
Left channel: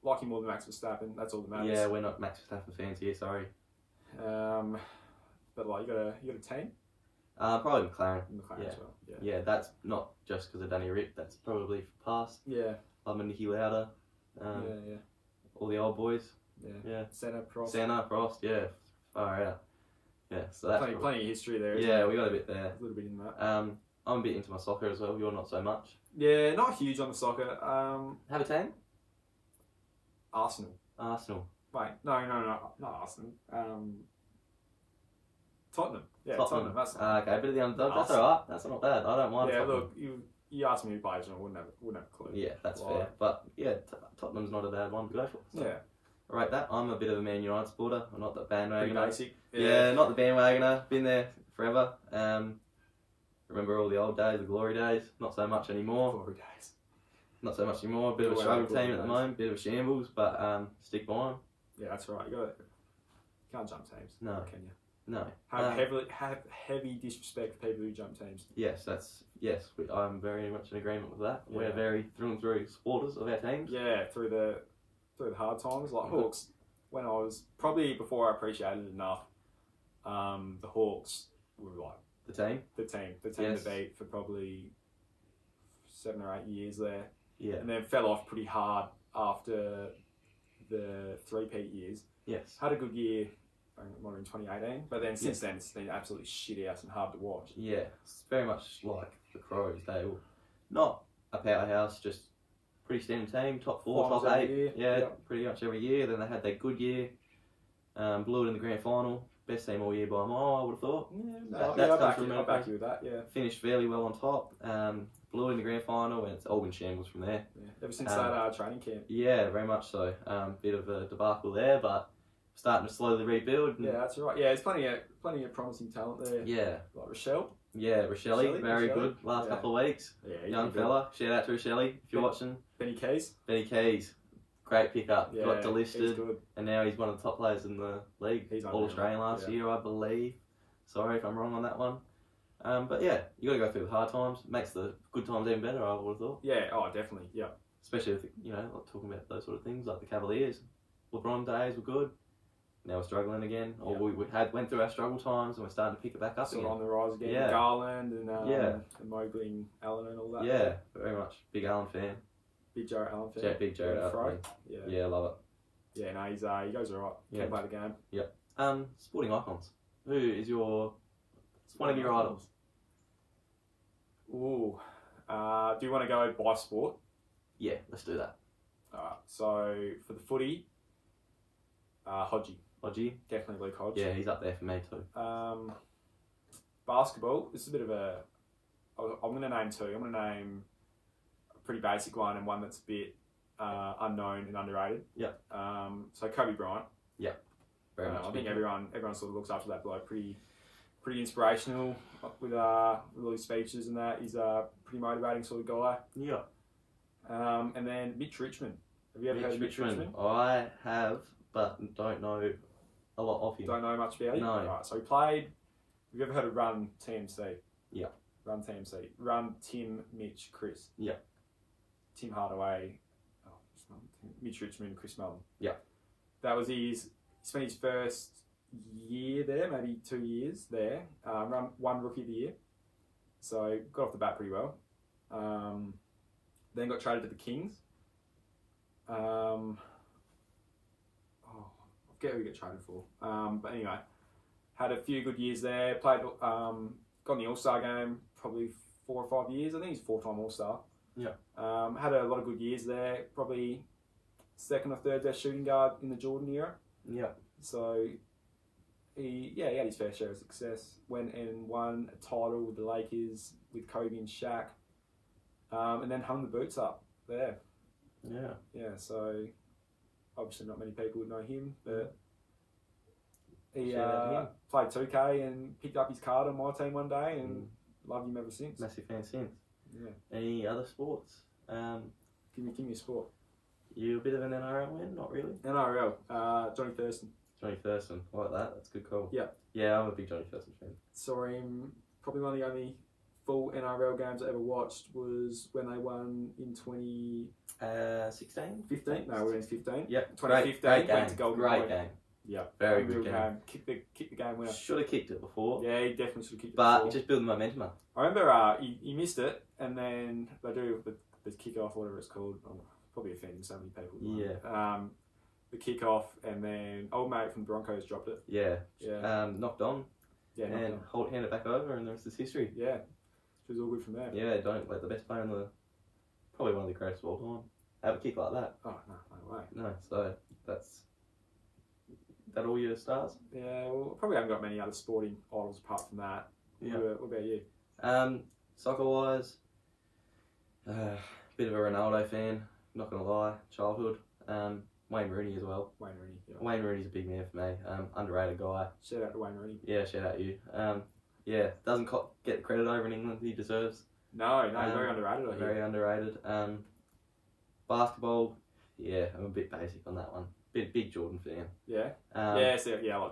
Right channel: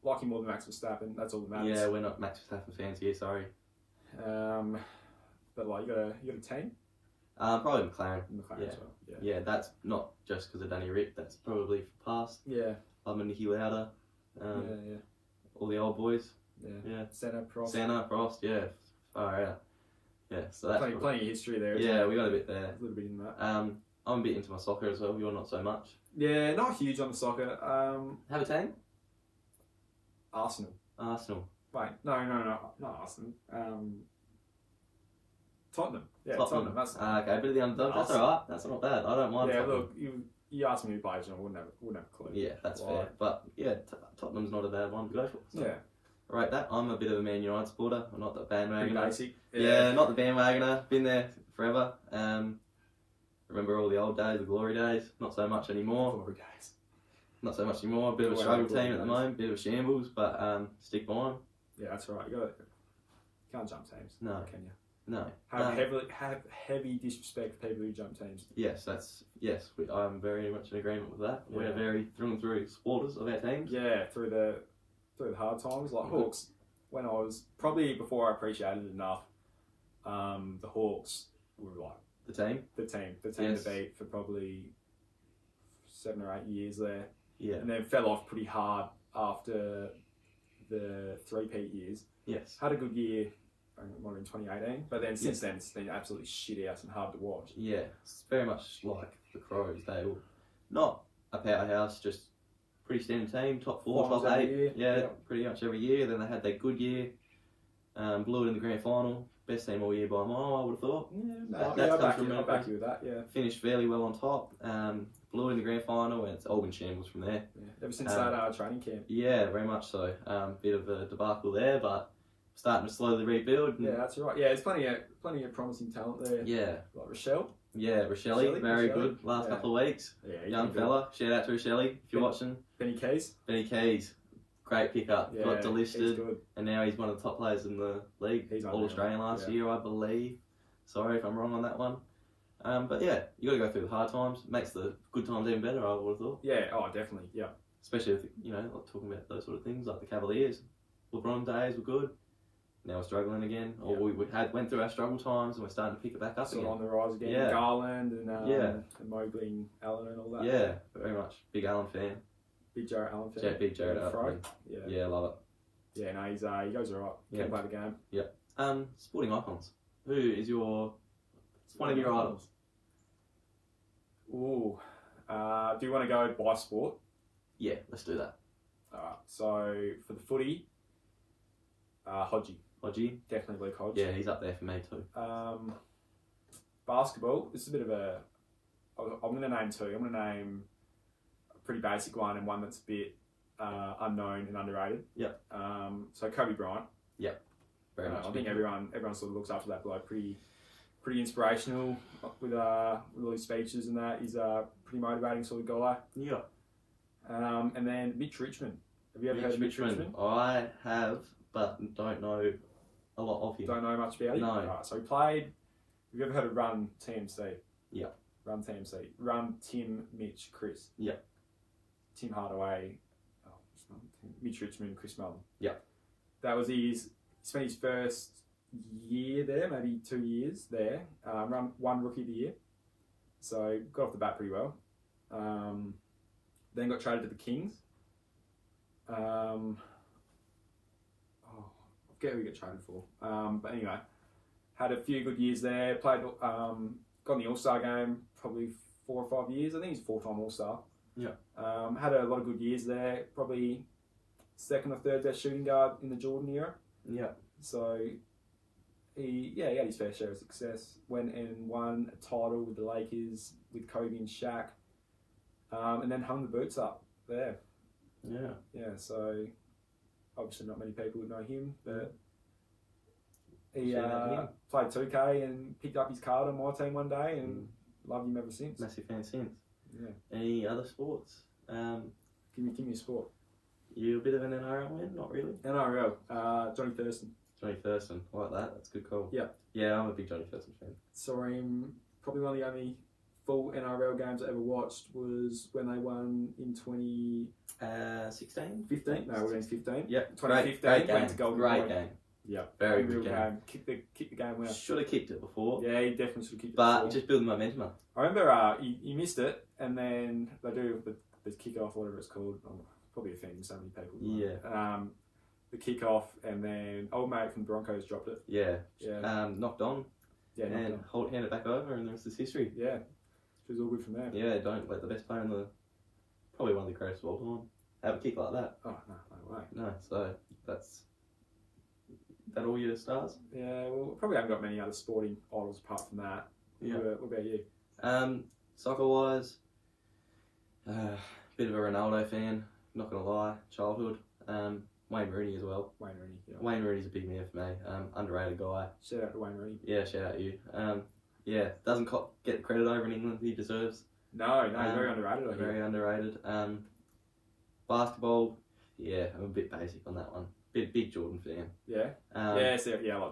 Like him more than Max Verstappen. That's all that matters. Yeah, we're not Max Verstappen fans here. Sorry. But like, you got a team. Probably McLaren. McLaren as well. Yeah, that's not just because of Danny Rick. That's probably for past. Yeah. I'm a Nicky Lauda. All the old boys. Yeah. Senna, Prost. Yeah. Far out. Yeah. So that's plenty of history there. Yeah, we got a bit there. A little bit in that. I'm a bit into my soccer as well. You're not so much. Yeah, not huge on the soccer. Have a team? Arsenal. Wait, no, not Arsenal. Tottenham. Yeah, Tottenham. That's okay, bit of the underdog. That's alright. That's not bad. I don't mind. Yeah, Tottenham. look, you asked me who plays, and I wouldn't have a clue. Yeah, that's fair. But yeah, Tottenham's not a bad one to go for. So. Yeah. Right, that I'm a bit of a Man United supporter. I'm not the bandwagoner. Pretty basic. Yeah, not the bandwagoner. Been there forever. Remember all the old days, the glory days. Not so much anymore. Glory days. Not so much anymore. A bit of a struggle team at the moment. Bit of a shambles, but stick by them. Yeah, that's right. Can't jump teams. No. Can you? No. Have heavy disrespect for people who jump teams. Yes, I'm very much in agreement with that. We're very through and through supporters of our teams. Yeah, through the hard times, like Hawks. When I was probably before I appreciated it enough, the Hawks were like the team to beat for probably 7 or 8 years there. Yeah, and then fell off pretty hard after the 3-peat years. Yes, had a good year. More in 2018, but then since then it's been absolutely shit out and hard to watch. Yeah, it's very much like the Crows. They were not a powerhouse, just pretty standard team, top 4, top 8. Yeah, pretty much every year. Then they had their good year, blew it in the grand final. Best team all year by a mile, I would have thought. I'll back you with that. Yeah, finished fairly well on top. Blew it in the grand final, and it's all been shambles from there. Yeah. Ever since that training camp. Yeah, very much so. Bit of a debacle there, but starting to slowly rebuild. Yeah, that's right. Yeah, there's plenty of promising talent there. Yeah. Like Rochelle. Yeah, Rochelle, very good. Last couple of weeks. Yeah, young fella. Shout out to Rochelle if you're watching. Benny Keys. Great pickup. Yeah, got delisted. And now he's one of the top players in the league. He's All Australian last year, I believe. Sorry if I'm wrong on that one. But yeah, you got to go through the hard times. Makes the good times even better, I would have thought. Yeah, definitely. Yeah. Especially if, talking about those sort of things like the Cavaliers. LeBron days were good. Now we're struggling again, or we went through our struggle times and we're starting to pick it back up again. On the rise again. Yeah. Garland and Mobley and Allen and all that. Yeah, very much. Big Allen fan. Big Jared Allen fan. Big Jared Allen. Yeah, love it. Yeah, no, he goes alright. Can play the game. Yeah. Sporting icons. Who is one of your idols? Ooh. Do you want to go by sport? Yeah, let's do that. So for the footy, Hodgie. Definitely Luke Hodge. Yeah, he's up there for me too. Basketball, this is a bit of a... I'm going to name 2. I'm going to name a pretty basic one and one that's a bit unknown and underrated. Yep. So Kobe Bryant. Yep. Very much. I think everyone sort of looks after that bloke. Pretty inspirational with all his speeches and that. He's a pretty motivating sort of guy. Yeah. And then Mitch Richmond. Have you ever heard of Mitch Richmond? I have, but don't know a lot of him. Don't know much about him? No. Right, so he played... Have you ever heard of Run TMC? Yeah. Run TMC. Run Tim, Mitch, Chris. Yeah. Tim Hardaway, Mitch Richmond, Chris Mellon. Yeah. That was he spent his first year there, maybe 2 years there. Won Rookie of the Year. So got off the bat pretty well. Then got traded to the Kings. I forget who we got traded for. But anyway, had a few good years there. Played, got in the All-Star game probably 4 or 5 years. I think he's a 4-time All-Star. Yeah. Had a lot of good years there. Probably second or third best shooting guard in the Jordan era. Yeah. So he had his fair share of success. Went and won a title with the Lakers with Kobe and Shaq. And then hung the boots up there. Yeah. Yeah, so obviously not many people would know him, but he played 2K and picked up his card on my team one day and loved him ever since. Massive fan since. Yeah. Any other sports? Give me a sport. You a bit of an NRL win? Not really. NRL, Johnny Thurston. Johnny Thurston, I like that. That's a good call. Yeah. Yeah, I'm a big Johnny Thurston fan. Saw him, probably one of the only full NRL games I ever watched was when they won in 16? 15? No, it was 15. Yep. 2015. Great game. Went to Golden Great Point. game. Yeah. Very good game. Kicked the game winner. Should have kicked it before. Yeah, he definitely should have kicked it But before. just building momentum up. I remember he missed it, and then they do the kick-off, whatever it's called. I'm probably offending so many people. Yeah. The kick-off, and then old mate from Broncos dropped it. Yeah. Yeah. Knocked on. Yeah, and hand it back over, and the rest is history. Yeah. It was all good from there. Yeah, don't let the best player in the... Probably one of the greatest of all time have a kick like that. Oh, no way. No, so that's... That all your stars? Yeah, well, probably haven't got many other sporting idols apart from that. Yeah. What about you? Soccer-wise, bit of a Ronaldo fan, not going to lie, childhood. Wayne Rooney as well. Wayne Rooney. Yeah. Wayne Rooney's a big man for me. Underrated guy. Shout out to Wayne Rooney. Yeah, shout out you. Yeah, doesn't get the credit over in England he deserves. No, very underrated. Very underrated. Basketball, yeah, I'm a bit basic on that one. Big Jordan fan. Yeah. I like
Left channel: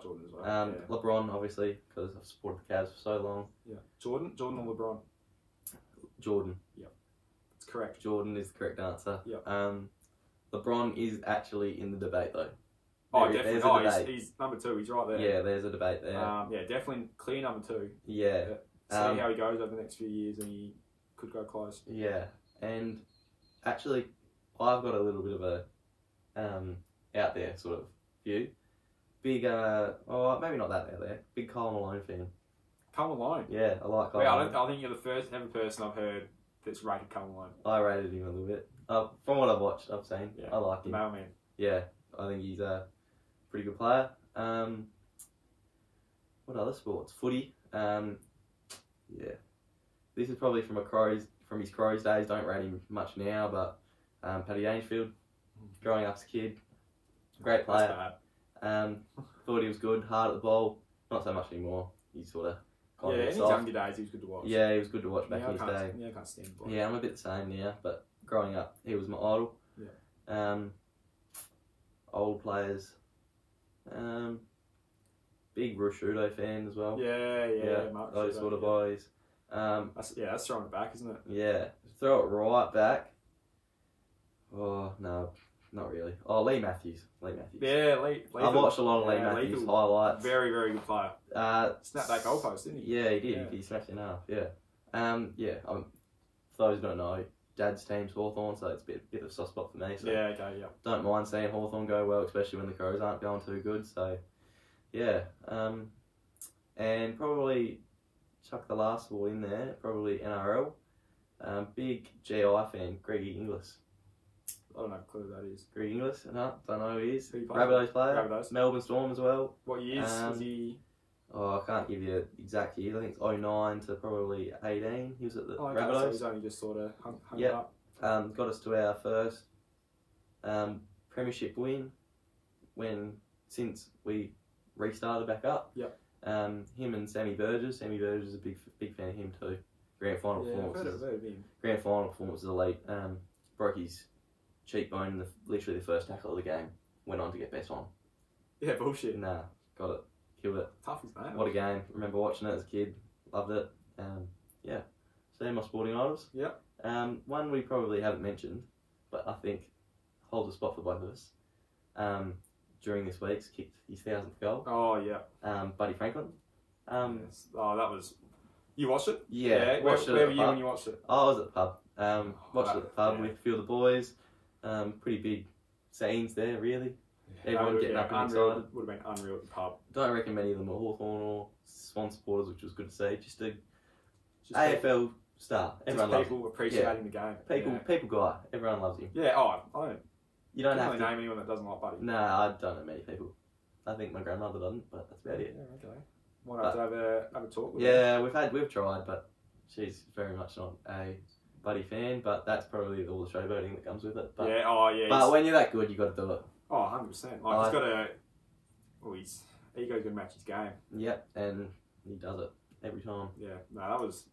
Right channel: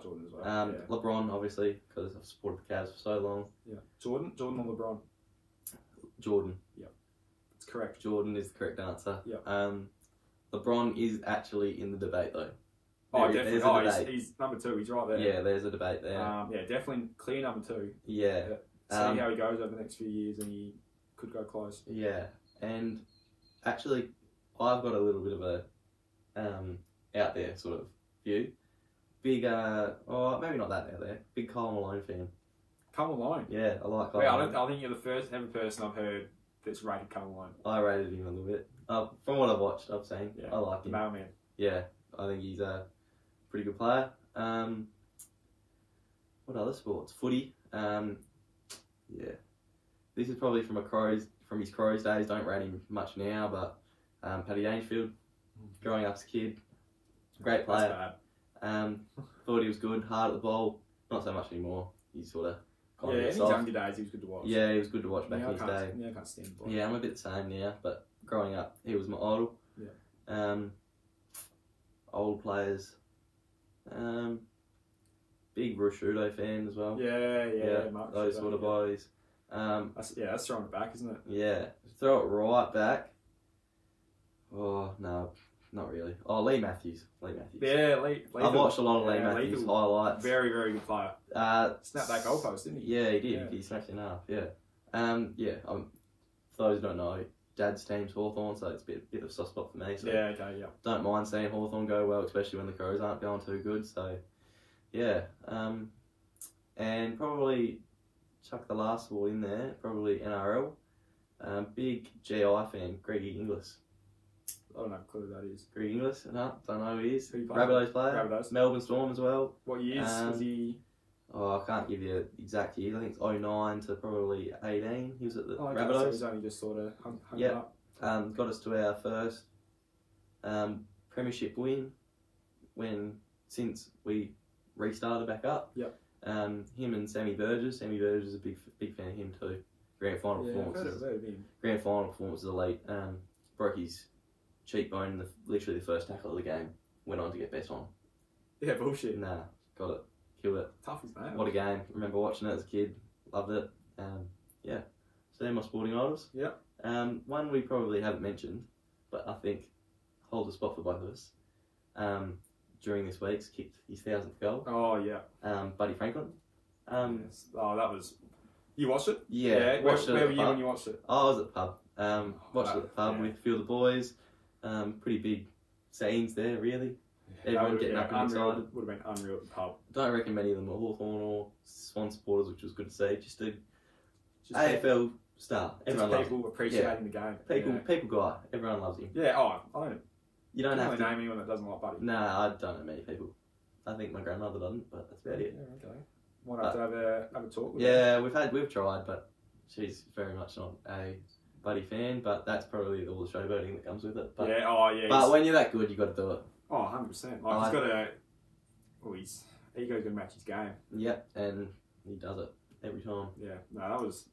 Jordan as well. LeBron, obviously, because I've supported the Cavs for so long. Yeah. Jordan or LeBron? Jordan. Yep. It's correct. Jordan is the correct answer. Yep. LeBron is actually in the debate though. Definitely. There's a debate. He's number 2. He's right there. Yeah, there's a debate there. Definitely clear number 2. Yeah. See how he goes over the next few years, and he could go close. Yeah, and actually, I've got a little bit of a out there sort of view. Big, maybe not that out there. Big Kyle Malone fan. Kyle Malone. Yeah, I like Kyle Malone. I think you're the first ever person I've heard that's rated Kyle Malone. I rated him a little bit. From what I've watched, I've seen. Yeah. I like him. Mailman. Yeah, I think he's a pretty good player. What other sports? Footy. Yeah, this is probably from his Crows days. Don't rate him much now, but Paddy Gainesfield, growing up as a kid, great player. Thought he was good, hard at the ball. Not so much anymore. He's sort of in his younger days, he was good to watch. Yeah, he was good to watch back in his day. Yeah, I can't stand him. Yeah, I'm a bit the same now, but growing up, he was my idol. Yeah. Old players. Big Rushudo fan as well. Yeah. Those sort of boys. That's throwing it back, isn't it? Yeah, throw it right back. Oh no, not really. Oh, Lee Matthews. Yeah, Lee. I've watched a lot of Lee Matthews highlights. Very, very good player. Snapped back goalpost, didn't he? Yeah, he did. Yeah. He smashed it in half. Yeah. For those who don't know, Dad's team's Hawthorn, so it's a bit of a soft spot for me. So don't mind seeing Hawthorn go well, especially when the Crows aren't going too good. So, yeah. And probably chuck the last ball in there. Probably NRL. Big GI fan, Greg Inglis. I don't have a clue who that is. Greg Inglis? No, don't know who he is. Who you Rabbitohs player. Rabbitohs. Melbourne Storm as well. What years was he? Oh, I can't give you exact years. I think it's 09 to probably 18. He was at the Rabbitohs. So he's only just sort of hung up. Got us to our first premiership win since we restarted back up. Yep. Him and Sammy Burgess. Sammy Burgess is a big fan of him too. Grand final performances. Grand final performance is elite. Broke his cheekbone in literally the first tackle of the game. Went on to get bet on. Yeah, bullshit. Nah, got it. Killed it. Tough as nails. What a game. Remember watching it as a kid. Loved it. Yeah. So they're my sporting idols. Yeah. One we probably haven't mentioned, but I think holds a spot for both of us. During this week's kicked his 1,000th goal. Oh, yeah. Buddy Franklin. Yes. Oh, that was... You watched it? Yeah. Watched it where at were the you pub. when you watched it? I was at the pub. Watched it at the pub with a few of the boys. Pretty big scenes there, really. Everyone getting up and excited. Would have been unreal at the pub. Don't reckon many of them are Hawthorn or Swan supporters, which was good to see. Just a AFL star. Everyone loves him. People appreciating the game. People guy. Everyone loves him. Yeah, I don't have really to name anyone that doesn't like Buddy. No, I don't know many people. I think my grandmother doesn't, but that's about it. Yeah, okay. Might have to have a talk with her. Yeah, we've tried, but she's very much not a Buddy fan, but that's probably all the showboating that comes with it. But, yeah. But when you're that good, you got to do it. Oh, 100%. Like, he's got to... Oh, his ego's going to match his game. Yep, and he does it every time. Yeah, no, that was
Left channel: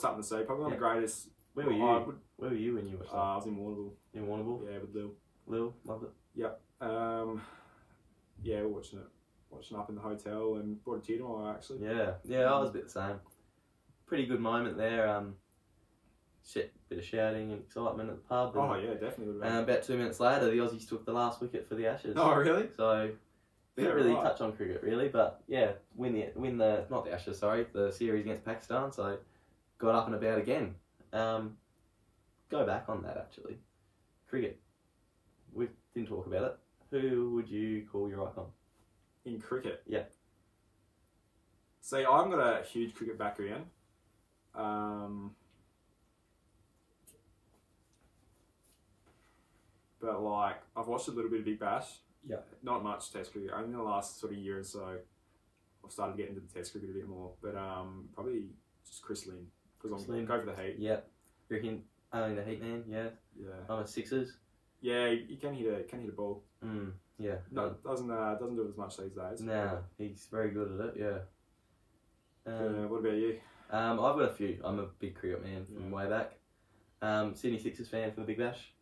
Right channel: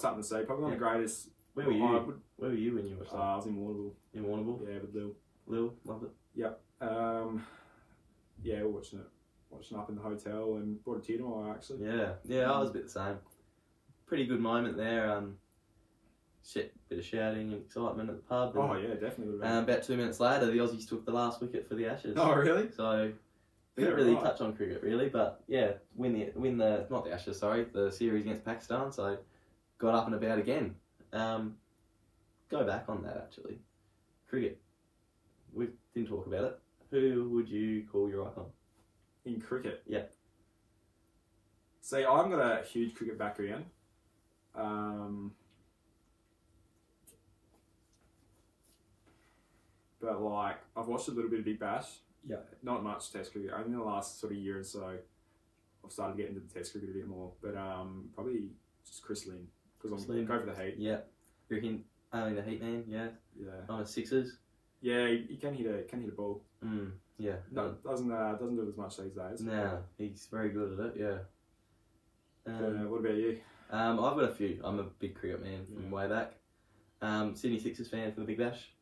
something to see. Probably one of the greatest... Where were you? Where were you when you watched that? I was in Warrnambool. In Warrnambool? Yeah, with Lil. Lil, loved it. Yep. Yeah, we're watching it. Watching up in the hotel and brought a tear to my eye, actually. Yeah, I was a bit the same. Pretty good moment there. Bit of shouting and excitement at the pub. Oh yeah, definitely. About 2 minutes later, the Aussies took the last wicket for the Ashes. Oh really? So we didn't really touch on cricket really, but yeah, win the not the Ashes, sorry, the series against Pakistan. So got up and about again. Go back on that actually. Cricket. We didn't talk about it. Who would you call your icon? In cricket? Yeah. See, I've got a huge cricket background. But like, I've watched a little bit of Big Bash. Yeah. Not much Test cricket. Only in the last sort of year or so, I've started getting into the Test cricket a bit more. But probably just Chris Lynn, because I'm go for the Heat. Yeah. You're only the Heat man. Yeah. Yeah. I'm a Sixers. Yeah, he can hit a ball. Yeah. No, doesn't do it as much these days. Nah, he's very good at it. Yeah. What about you? I've got a few. I'm a big cricket man from way back. Sydney Sixers fan for the Big Bash.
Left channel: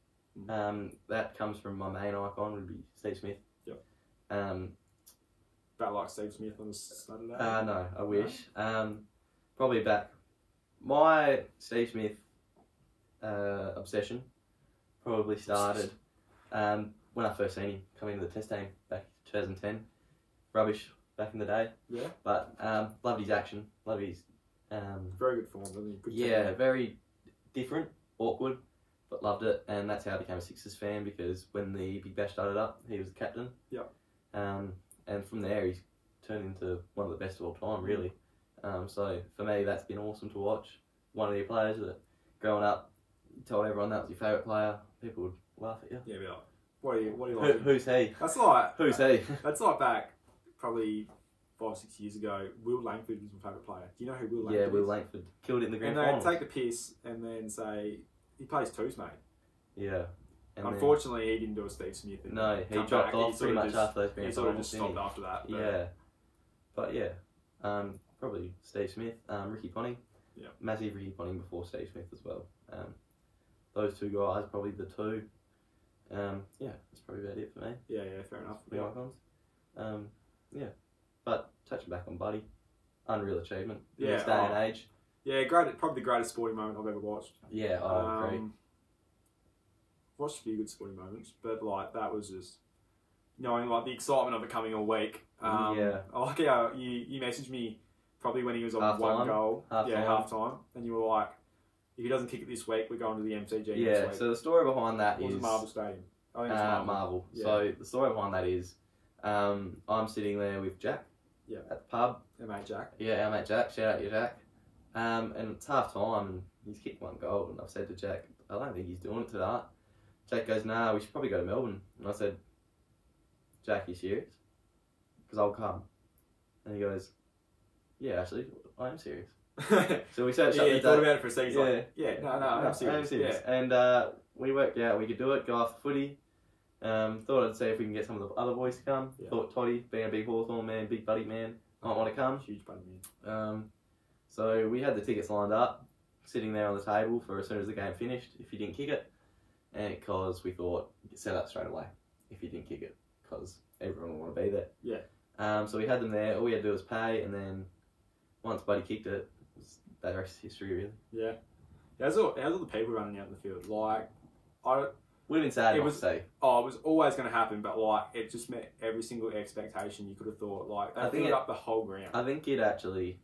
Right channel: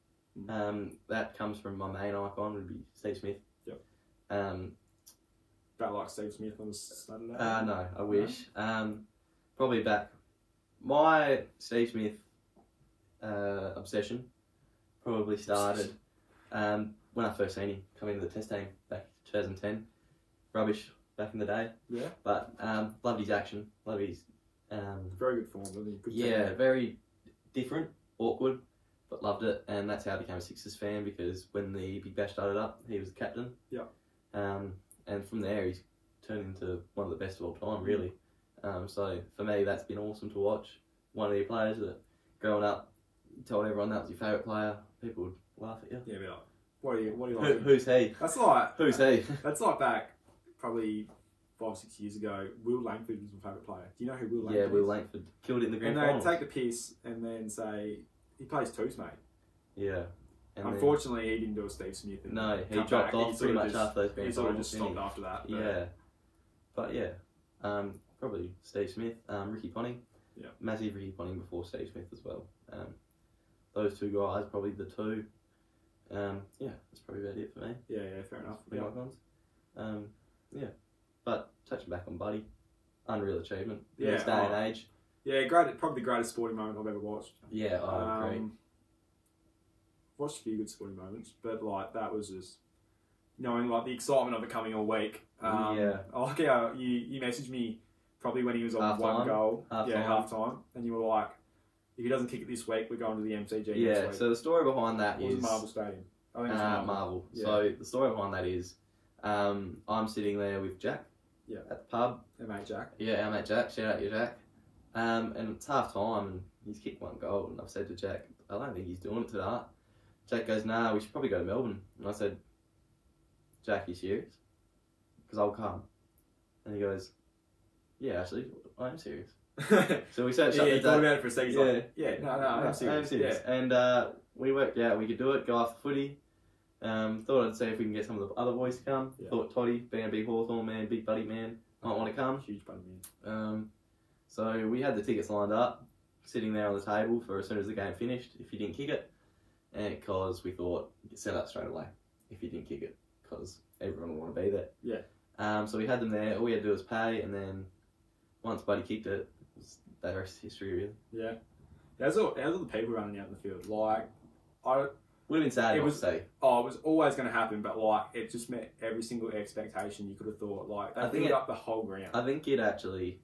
That comes from my main icon would be Steve Smith. Yep. About like Steve Smith on a Saturday? No, I wish. Probably back. My Steve Smith obsession probably started when I first seen him come into the Test team back in 2010. Rubbish back in the day. Yeah. But loved his action. Loved his... very good form, doesn't he? Good team. Very different, awkward, but loved it. And that's how I became a Sixers fan, because when the Big Bash started up, he was the captain. Yeah. And from there, he's turned into one of the best of all time, really. So for me, that's been awesome to watch. One of your players that growing up, you told everyone that was your favourite player, people would laugh at you. Yeah, be like, what do you like? Who's he? That's like who's he? That's like back probably 5 or 6 years ago. Will Langford is my favourite player. Do you know who Will Langford is? Yeah, Will Langford killed it in the grand final. And they take the piss and then say he plays twos, mate. Yeah. And unfortunately, he didn't do a Steve Smith. No, he dropped off pretty much after those grand finals. He sort of just stopped after that. Yeah. But yeah, probably Steve Smith, Ricky Ponting. Yeah. Massive Ricky Ponting before Steve Smith as well. Those two guys, probably the two. Yeah, that's probably about it for me. Yeah, fair enough. The icons. Yeah. But touching back on Buddy, unreal achievement in this day and age. Yeah, great. Probably the greatest sporting moment I've ever watched. Yeah, I agree. Watched a few good sporting moments, but like that was just knowing like the excitement of it coming all week. I like how you messaged me probably when he was on one goal. Half time, and you were like, if he doesn't kick it this week, we're going to the MCG next week. So the story behind that is Marvel Stadium. I think it's Marvel. Yeah. So the story behind that is I'm sitting there with Jack at the pub. Our mate Jack. Yeah, our mate Jack. Shout out to Jack. And it's half time and he's kicked one goal, and I've said to Jack, I don't think he's doing it today. Jack goes, nah, we should probably go to Melbourne. And I said, Jack, you serious? Because I'll come. And he goes, yeah, actually, I am serious. So we searched up the he thought about it for a second. No, I'm serious. Yeah. And we worked out we could do it, go after footy. Thought I'd see if we can get some of the other boys to come. Yeah. Thought Toddy, being a big Hawthorn man, big Buddy man, might want to come. Huge Buddy man. So we had the tickets lined up, sitting there on the table for as soon as the game finished, if you didn't kick it. And because we thought you could set up straight away if you didn't kick it. because everyone will want to be there. Yeah. So we had them there. All we had to do was pay, and then once Buddy kicked it, the rest is history, really. Yeah. How's all the people running out in the field? Like, would have been sad not to say. Oh, it was always going to happen, but like it just met every single expectation you could have thought. Like they filled up the whole ground. I think it actually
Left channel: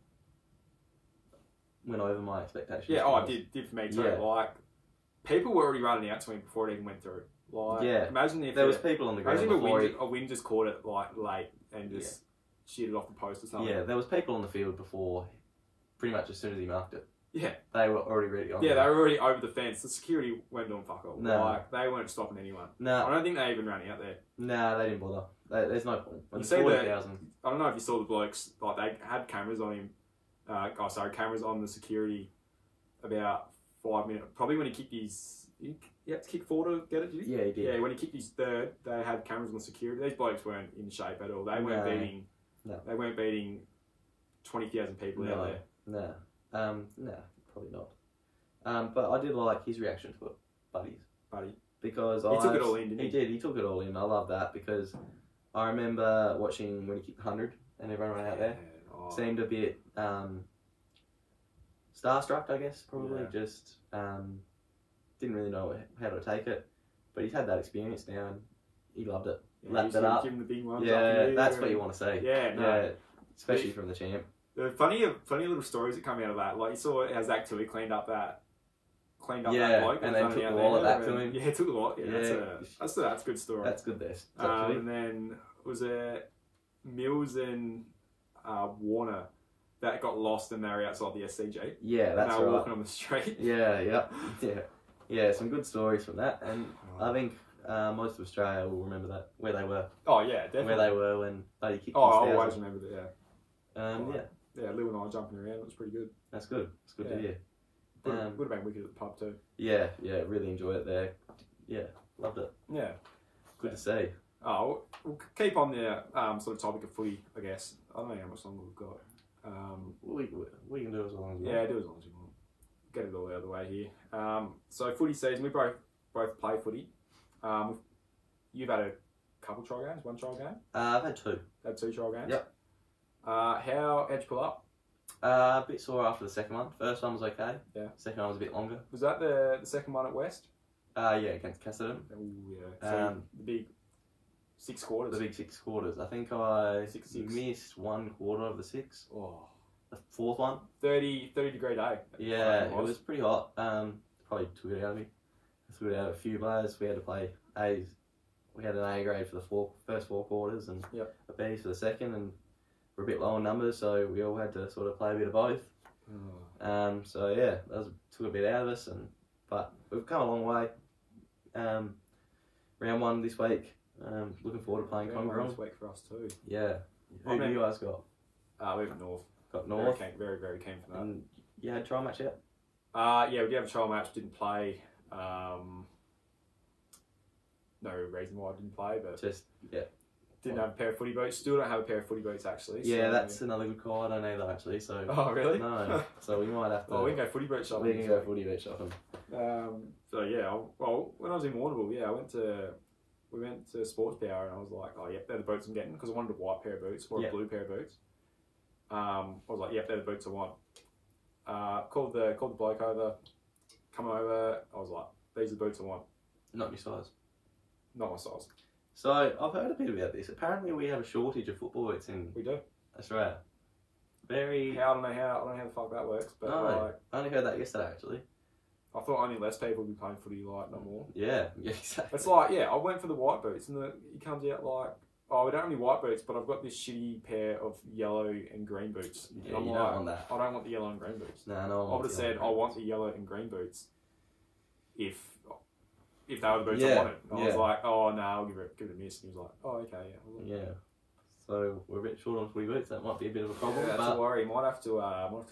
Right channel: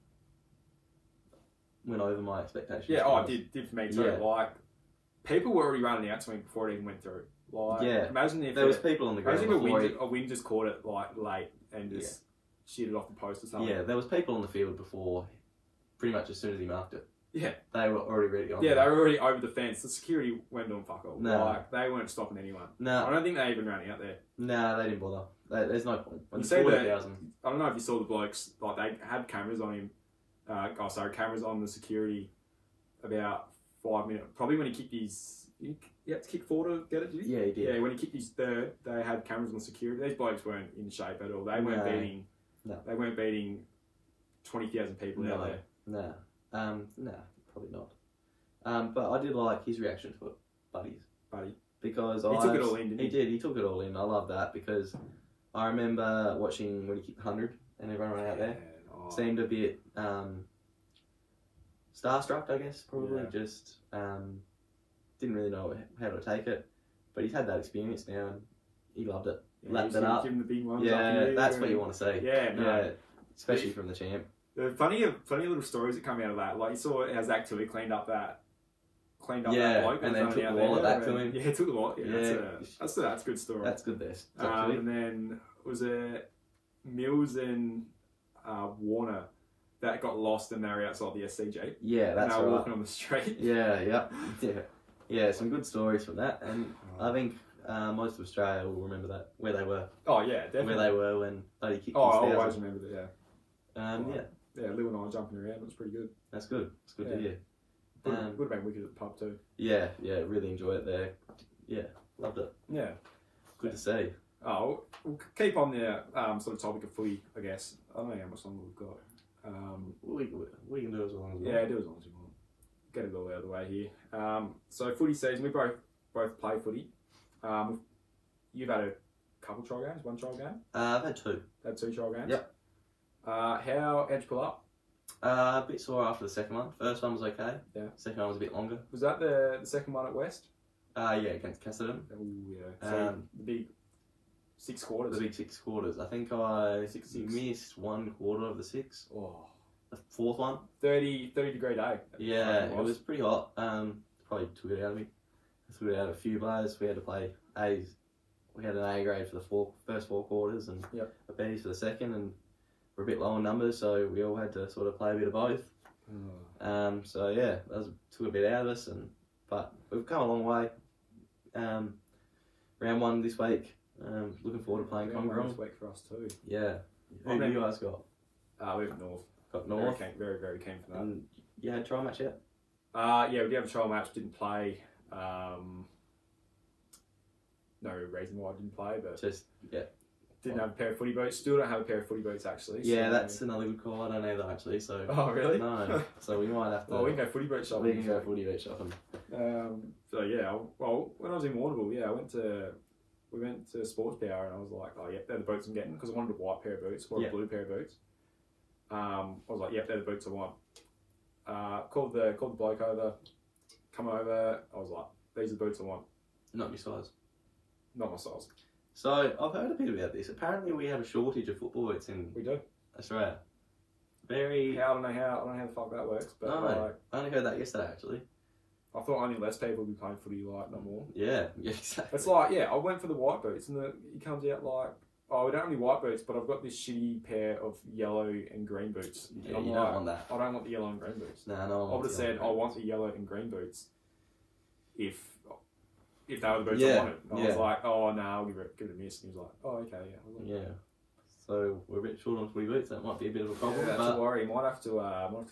went over my expectations. Yeah, it did for me too. Yeah. Like people were already running out to me before it even went through. Like, imagine if there was people on the ground. Imagine if a wind just caught it like late and just sheared it off the post or something. Yeah, there was people on the field before, pretty much as soon as he marked it. Yeah. They were already ready on. Yeah, they were already over the fence. The security weren't doing fuck all. No. Like, they weren't stopping anyone. No. I don't think they even ran out there. No, they didn't bother. There's no point. When You there's see 40,000. I don't know if you saw the blokes, like they had cameras on him. Cameras on the security about 5 minutes. Probably when he kicked his... He had to kick forward to get it, did he? Yeah, he did. Yeah, when he kicked his third, they had cameras on security. These blokes weren't in shape at all. They weren't beating... No. They weren't beating 20,000 people out there. No, probably not. But I did like his reaction to it, Buddy. Because he took it all in, didn't he? He did, he took it all in. I love that because I remember watching when he kicked 100 and everyone out there. Oh. Seemed a bit starstruck, I guess, probably. Yeah. Just didn't really know how to take it. But he's had that experience now and he loved it. Yeah, Lapped it up. Give him the big ones Yeah, that's what you want to see. Yeah, no. Yeah, especially from the champ. There were plenty of little stories that come out of that. Like you saw how Zach Tui cleaned up that bloke. And then took the wallet back to him. Yeah, took the wallet. Yeah, that's a good story. That's good there. And then was it Mills and Warner that got lost and they were outside the SCG? Yeah, that's and they were right. walking on the street. Yeah, some good stories from that. And I think most of Australia will remember that, where they were. Oh yeah, definitely. Where they were when Paddy kicked his I always remember that. Yeah, Lou and I jumping around. It was pretty good. That's good. It's good to hear. Would have been wicked at the pub too. Yeah, really enjoyed it there. Yeah, loved it. Yeah, good to see. Oh, we'll keep on the sort of topic of footy, I guess. I don't know how much longer we've got. We can do as long as we want. Yeah, do as long as you want. Get it all out of the way here. So footy season, we both play footy. You've had a couple trial games, one trial game? I've had two. Had two trial games? Yep. How'd you pull up? A bit sore after the second one. First one was okay. Yeah. Second one was a bit longer. Was that the second one at West? Yeah, against Casterton. Oh, yeah. So the big 6 quarters. The big 6 quarters. I think I 6. missed 1 quarter of the 6. Oh. The fourth one. 30 degree day. Yeah, it was pretty hot. Probably took it out of me. Took it out of a few players. We had to play A's. We had an A grade for the first 4 quarters and a B's for the second, and we're a bit low on numbers, so we all had to sort of play a bit of both. So yeah, that took a bit out of us, but we've come a long way. Round 1 this week. Looking forward to playing Congrong. This week for us too. Yeah. Who do you guys got? We have North. Got North. Very, very keen for that. And you had trial match yet? Yeah, we did have a trial match. Didn't play. No reason why I didn't play, but didn't have a pair of footy boots. Still don't have a pair of footy boots actually. Yeah, so that's another good call. I don't either actually. So. Oh really? No. So we might have to. Oh, we can go footy boot shopping. We can go footy boot shopping. So yeah, well, when I was in Warrnambool, we went to Sports Power and I was like, oh yep, they're the boots I'm getting because I wanted a white pair of boots or a blue pair of boots. I was like, yep, they're the boots I want. Called the bloke over, come over. I was like, these are the boots I want. Not your size. Not my size. So I've heard a bit about this. Apparently, we have a shortage of football boots in Australia. I don't know how the fuck that works, but I only heard that yesterday actually. I thought only less people would be playing footy, like not more. Yeah, exactly. It's like, I went for the white boots, and he comes out like, oh, we don't have any white boots, but I've got this shitty pair of yellow and green boots. Yeah, you don't want that. I don't want the yellow and green boots. No, I would have said I want the yellow and green boots if they were the boots I wanted. I was like, oh no, I'll give it a miss. And he was like, oh okay, yeah. So we're a bit short on footy boots. That might be a bit of a problem. Yeah, that's a worry. Might have to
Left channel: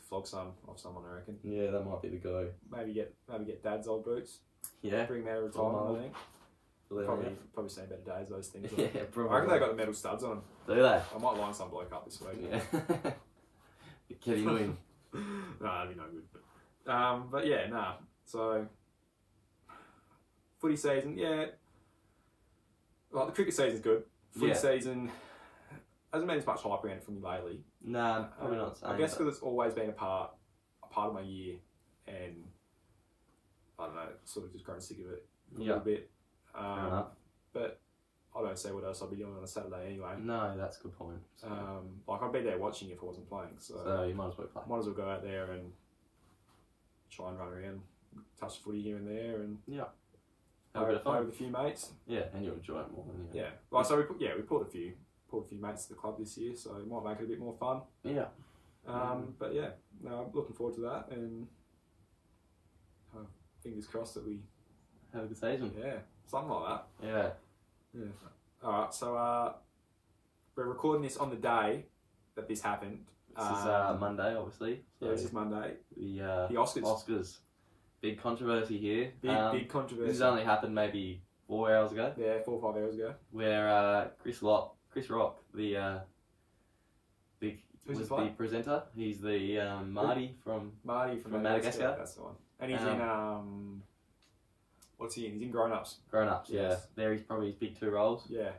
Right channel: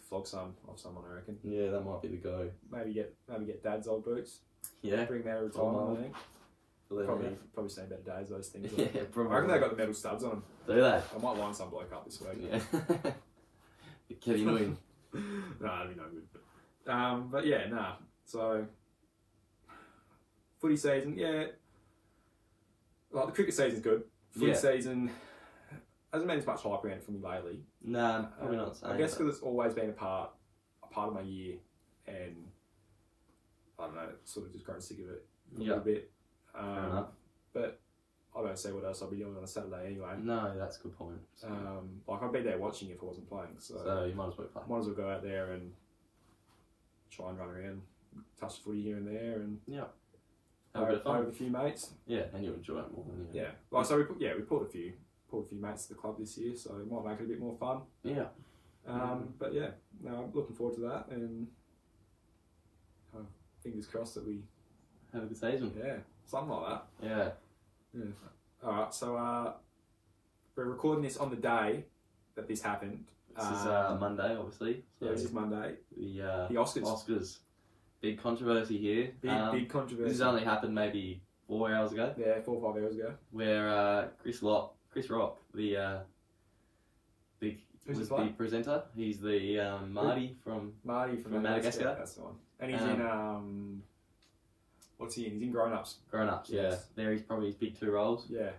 flog some off someone, I reckon. Yeah, that might be the go. Maybe get Dad's old boots. Yeah. Bring them out of retirement, I think. Probably seen better days, those things. Yeah, probably. I reckon they got the metal studs on. Do they? I might line some bloke up this week. Yeah. Kevin win. No, that'd be no good. But yeah, nah. So footy season, like the cricket season's good. footy season hasn't been as much hype around it for me lately. Nah, probably not. I guess because it's always been a part of my year, and I don't know, sort of just grown sick of it a little bit. Fair enough. But I don't see what else I'd be doing on a Saturday anyway. No, that's a good point. So, like I'd be there watching if I wasn't playing. So you might as well play. Might as well go out there and try and run around, touch the footy here and there, and have a bit of fun with a few mates. Yeah, and you'll enjoy it more. Yeah, like so we pulled a few mates to the club this year, so it might make it a bit more fun. Yeah. But yeah, no, I'm looking forward to that, and fingers crossed that we have a good season. Yeah, something like that. Yeah. All right, so we're recording this on the day that this happened. This is Monday, obviously. So this is Monday. The Oscars. Oscars. Big controversy here. Big controversy. This has only happened maybe 4 hours ago. Yeah, 4 or 5 hours ago. Where Chris Rock, the presenter. He's the Marty from Madagascar. That's the one. And he's in what's he in? He's in Grown Ups. Grown Ups, yes. Yeah. There he's probably his big 2 roles. Yeah.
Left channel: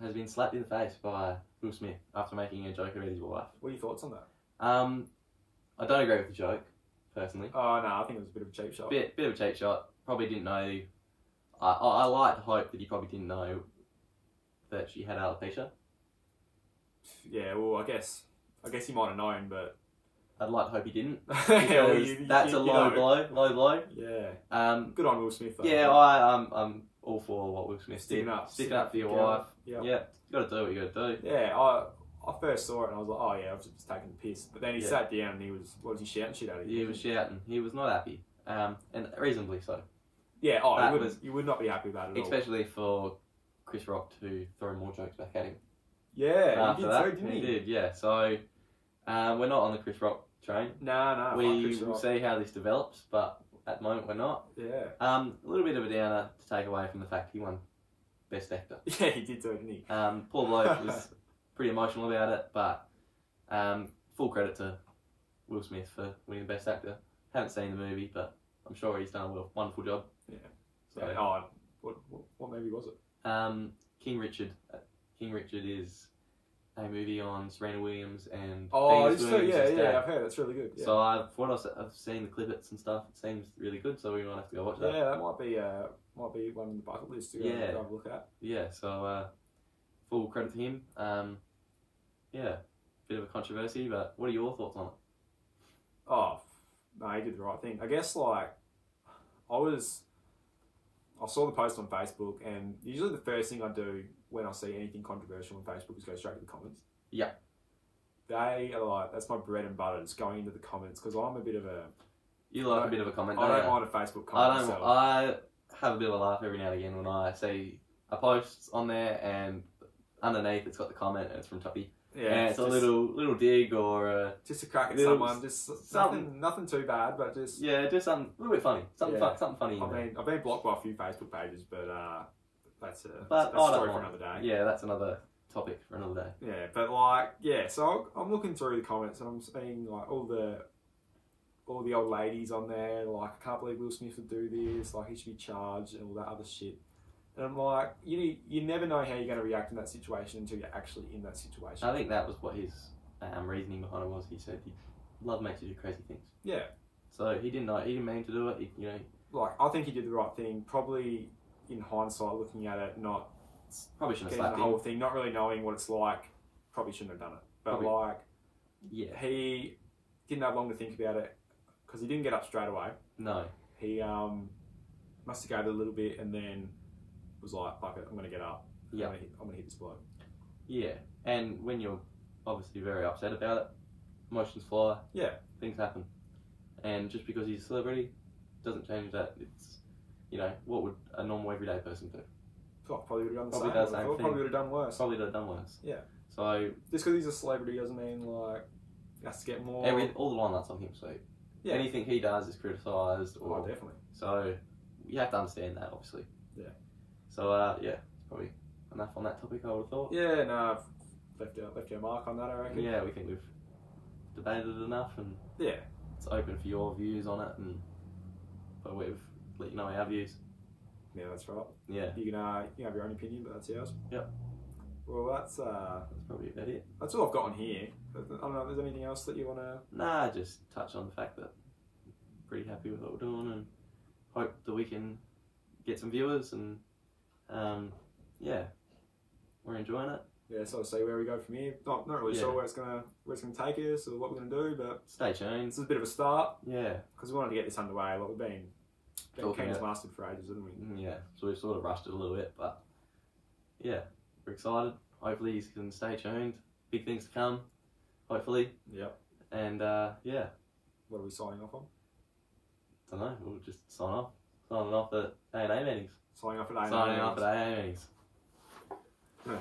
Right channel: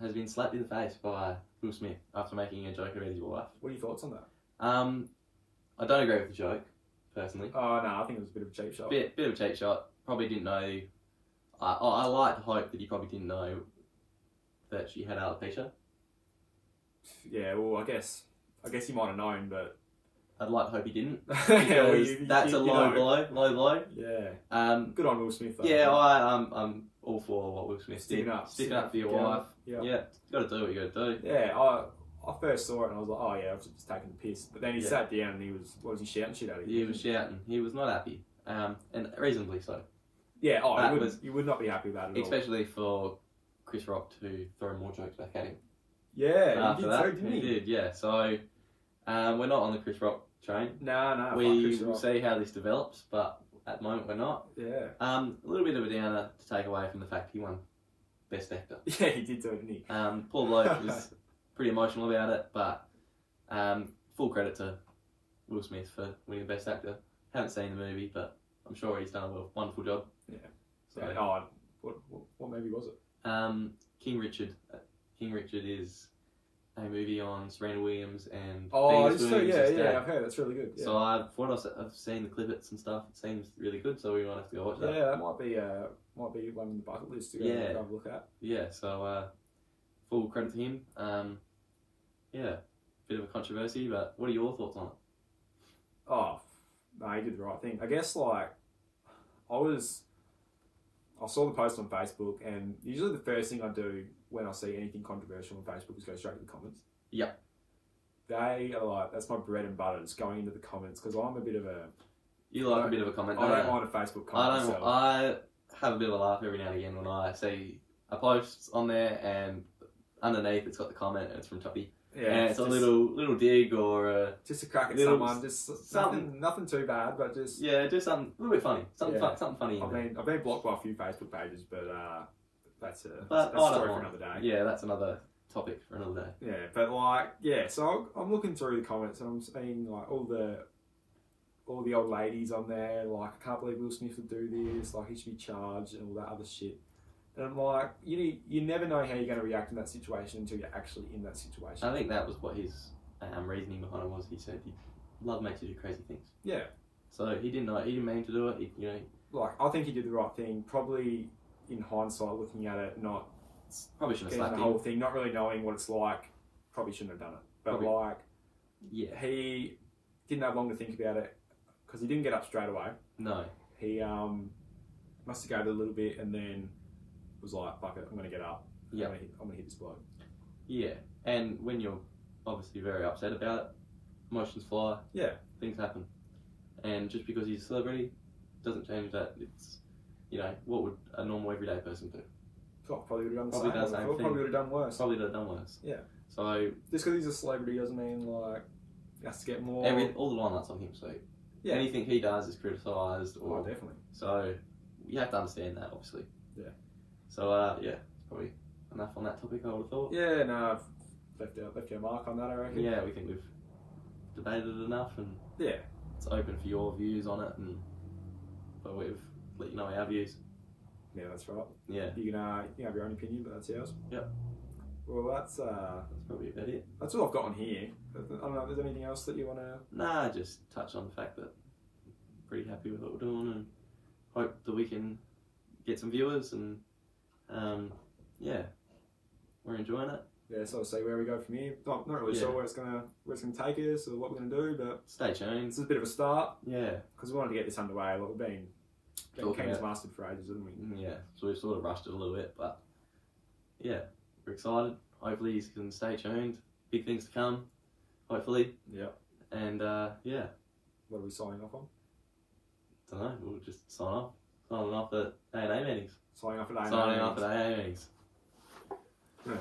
Has been slapped in the face by Will Smith after making a joke about his wife. What are your thoughts on that? I don't agree with the joke, personally. Oh no, I think it was a bit of a cheap shot. Bit of a cheap shot. Probably didn't know. I like to hope that he probably didn't know that she had alopecia. Yeah, well, I guess he might have known, but I'd like to hope he didn't, because that's a low blow. Yeah. Good on Will Smith, though. Yeah, I'm all for what Will Smith did. Sticking up for your wife. Yeah, you got to do what you got to do. Yeah, I first saw it and I was like, oh yeah, I was just taking the piss. But then he sat down and he was he shouting shit at him? He was shouting. He was not happy, and reasonably so. Yeah, you would not be happy about it at all. Especially for Chris Rock to throw more jokes back at him. Yeah, after that, he did. Yeah, so we're not on the Chris Rock train. No. We will see how this develops, but at the moment we're not. Yeah. A little bit of a downer to take away from the fact he won Best Actor. Yeah, he did do it, didn't he? Poor bloke was pretty emotional about it, but full credit to Will Smith for winning Best Actor. Haven't seen the movie, but I'm sure he's done a wonderful job. Yeah. So, what movie was it? King Richard. King Richard is a movie on Serena Williams and I've heard it's really good. Yeah. So I've seen the clippets and stuff. It seems really good, so we might have to go watch that. Yeah, that might be one on the bucket list to go have a look at. Yeah, so full credit to him. Yeah, bit of a controversy, but what are your thoughts on it? Oh, no, he did the right thing. I guess I saw the post on Facebook, and usually the first thing I do when I see anything controversial on Facebook is go straight to the comments. Yeah. They are like, that's my bread and butter, just going into the comments, because I'm a bit of a... You like a bit of a comment, I don't mind a Facebook comment. I have a bit of a laugh every now and again when I see a post on there, and underneath it's got the comment, and it's from Toddy. Yeah, and it's a little dig or just a crack at someone, just something, nothing too bad, but just just something a little bit funny, something funny. I've been blocked by a few Facebook pages, but that's a story for another day. Yeah, that's another topic for another day. Yeah, but so I'm looking through the comments and I'm seeing all the old ladies on there. Like, I can't believe Will Smith would do this. Like, he should be charged and all that other shit. And I'm like, you never know how you're going to react in that situation until you're actually in that situation. I think that was what his reasoning behind it was. He said love makes you do crazy things. Yeah. So he didn't mean to do it. I think he did the right thing. Probably in hindsight, looking at it, probably shouldn't have slapped the whole thing, not really knowing what it's like. Probably shouldn't have done it. But he didn't have long to think about it because he didn't get up straight away. No. He must have gave it a little bit and then was like, fuck it, I'm going to get up. Yeah. I'm going to hit this bloke. Yeah. And when you're obviously very upset about it, emotions fly. Yeah. Things happen. And just because he's a celebrity doesn't change that. It's, what would a normal everyday person do? Probably would have done the same thing. Probably would have done worse. Probably would have done worse. Yeah. So just because he's a celebrity doesn't mean he has to get more. All the line-ups on him, so anything he does is criticised. Definitely. So you have to understand that, obviously. Yeah. So it's probably enough on that topic, I would have thought. Yeah, no, I've left your mark on that, I reckon. Yeah, we think we've debated it enough, and it's open for your views on it, but we've let you know our views. Yeah, that's right. Yeah. You can have your own opinion, but that's ours. Yep. Well, that's probably about it. That's all I've got on here. I don't know if there's anything else that you want to... Nah, just touch on the fact that I'm pretty happy with what we're doing and hope that we can get some viewers and yeah, we're enjoying it. Yeah, so I'll see where we go from here. Not really sure where it's gonna take us or what we're gonna do, but stay tuned. This is a bit of a start. Yeah, because we wanted to get this underway. Like, we've been campaign's lasted for ages, haven't we? Yeah, so we've sort of rushed it a little bit, but yeah, we're excited. Hopefully you can stay tuned. Big things to come, hopefully. Yeah. And yeah. What are we signing off on? Don't know. We'll just signing off at A&A Meetings. Signing off at A&A Meetings. A&A Meetings. Yeah.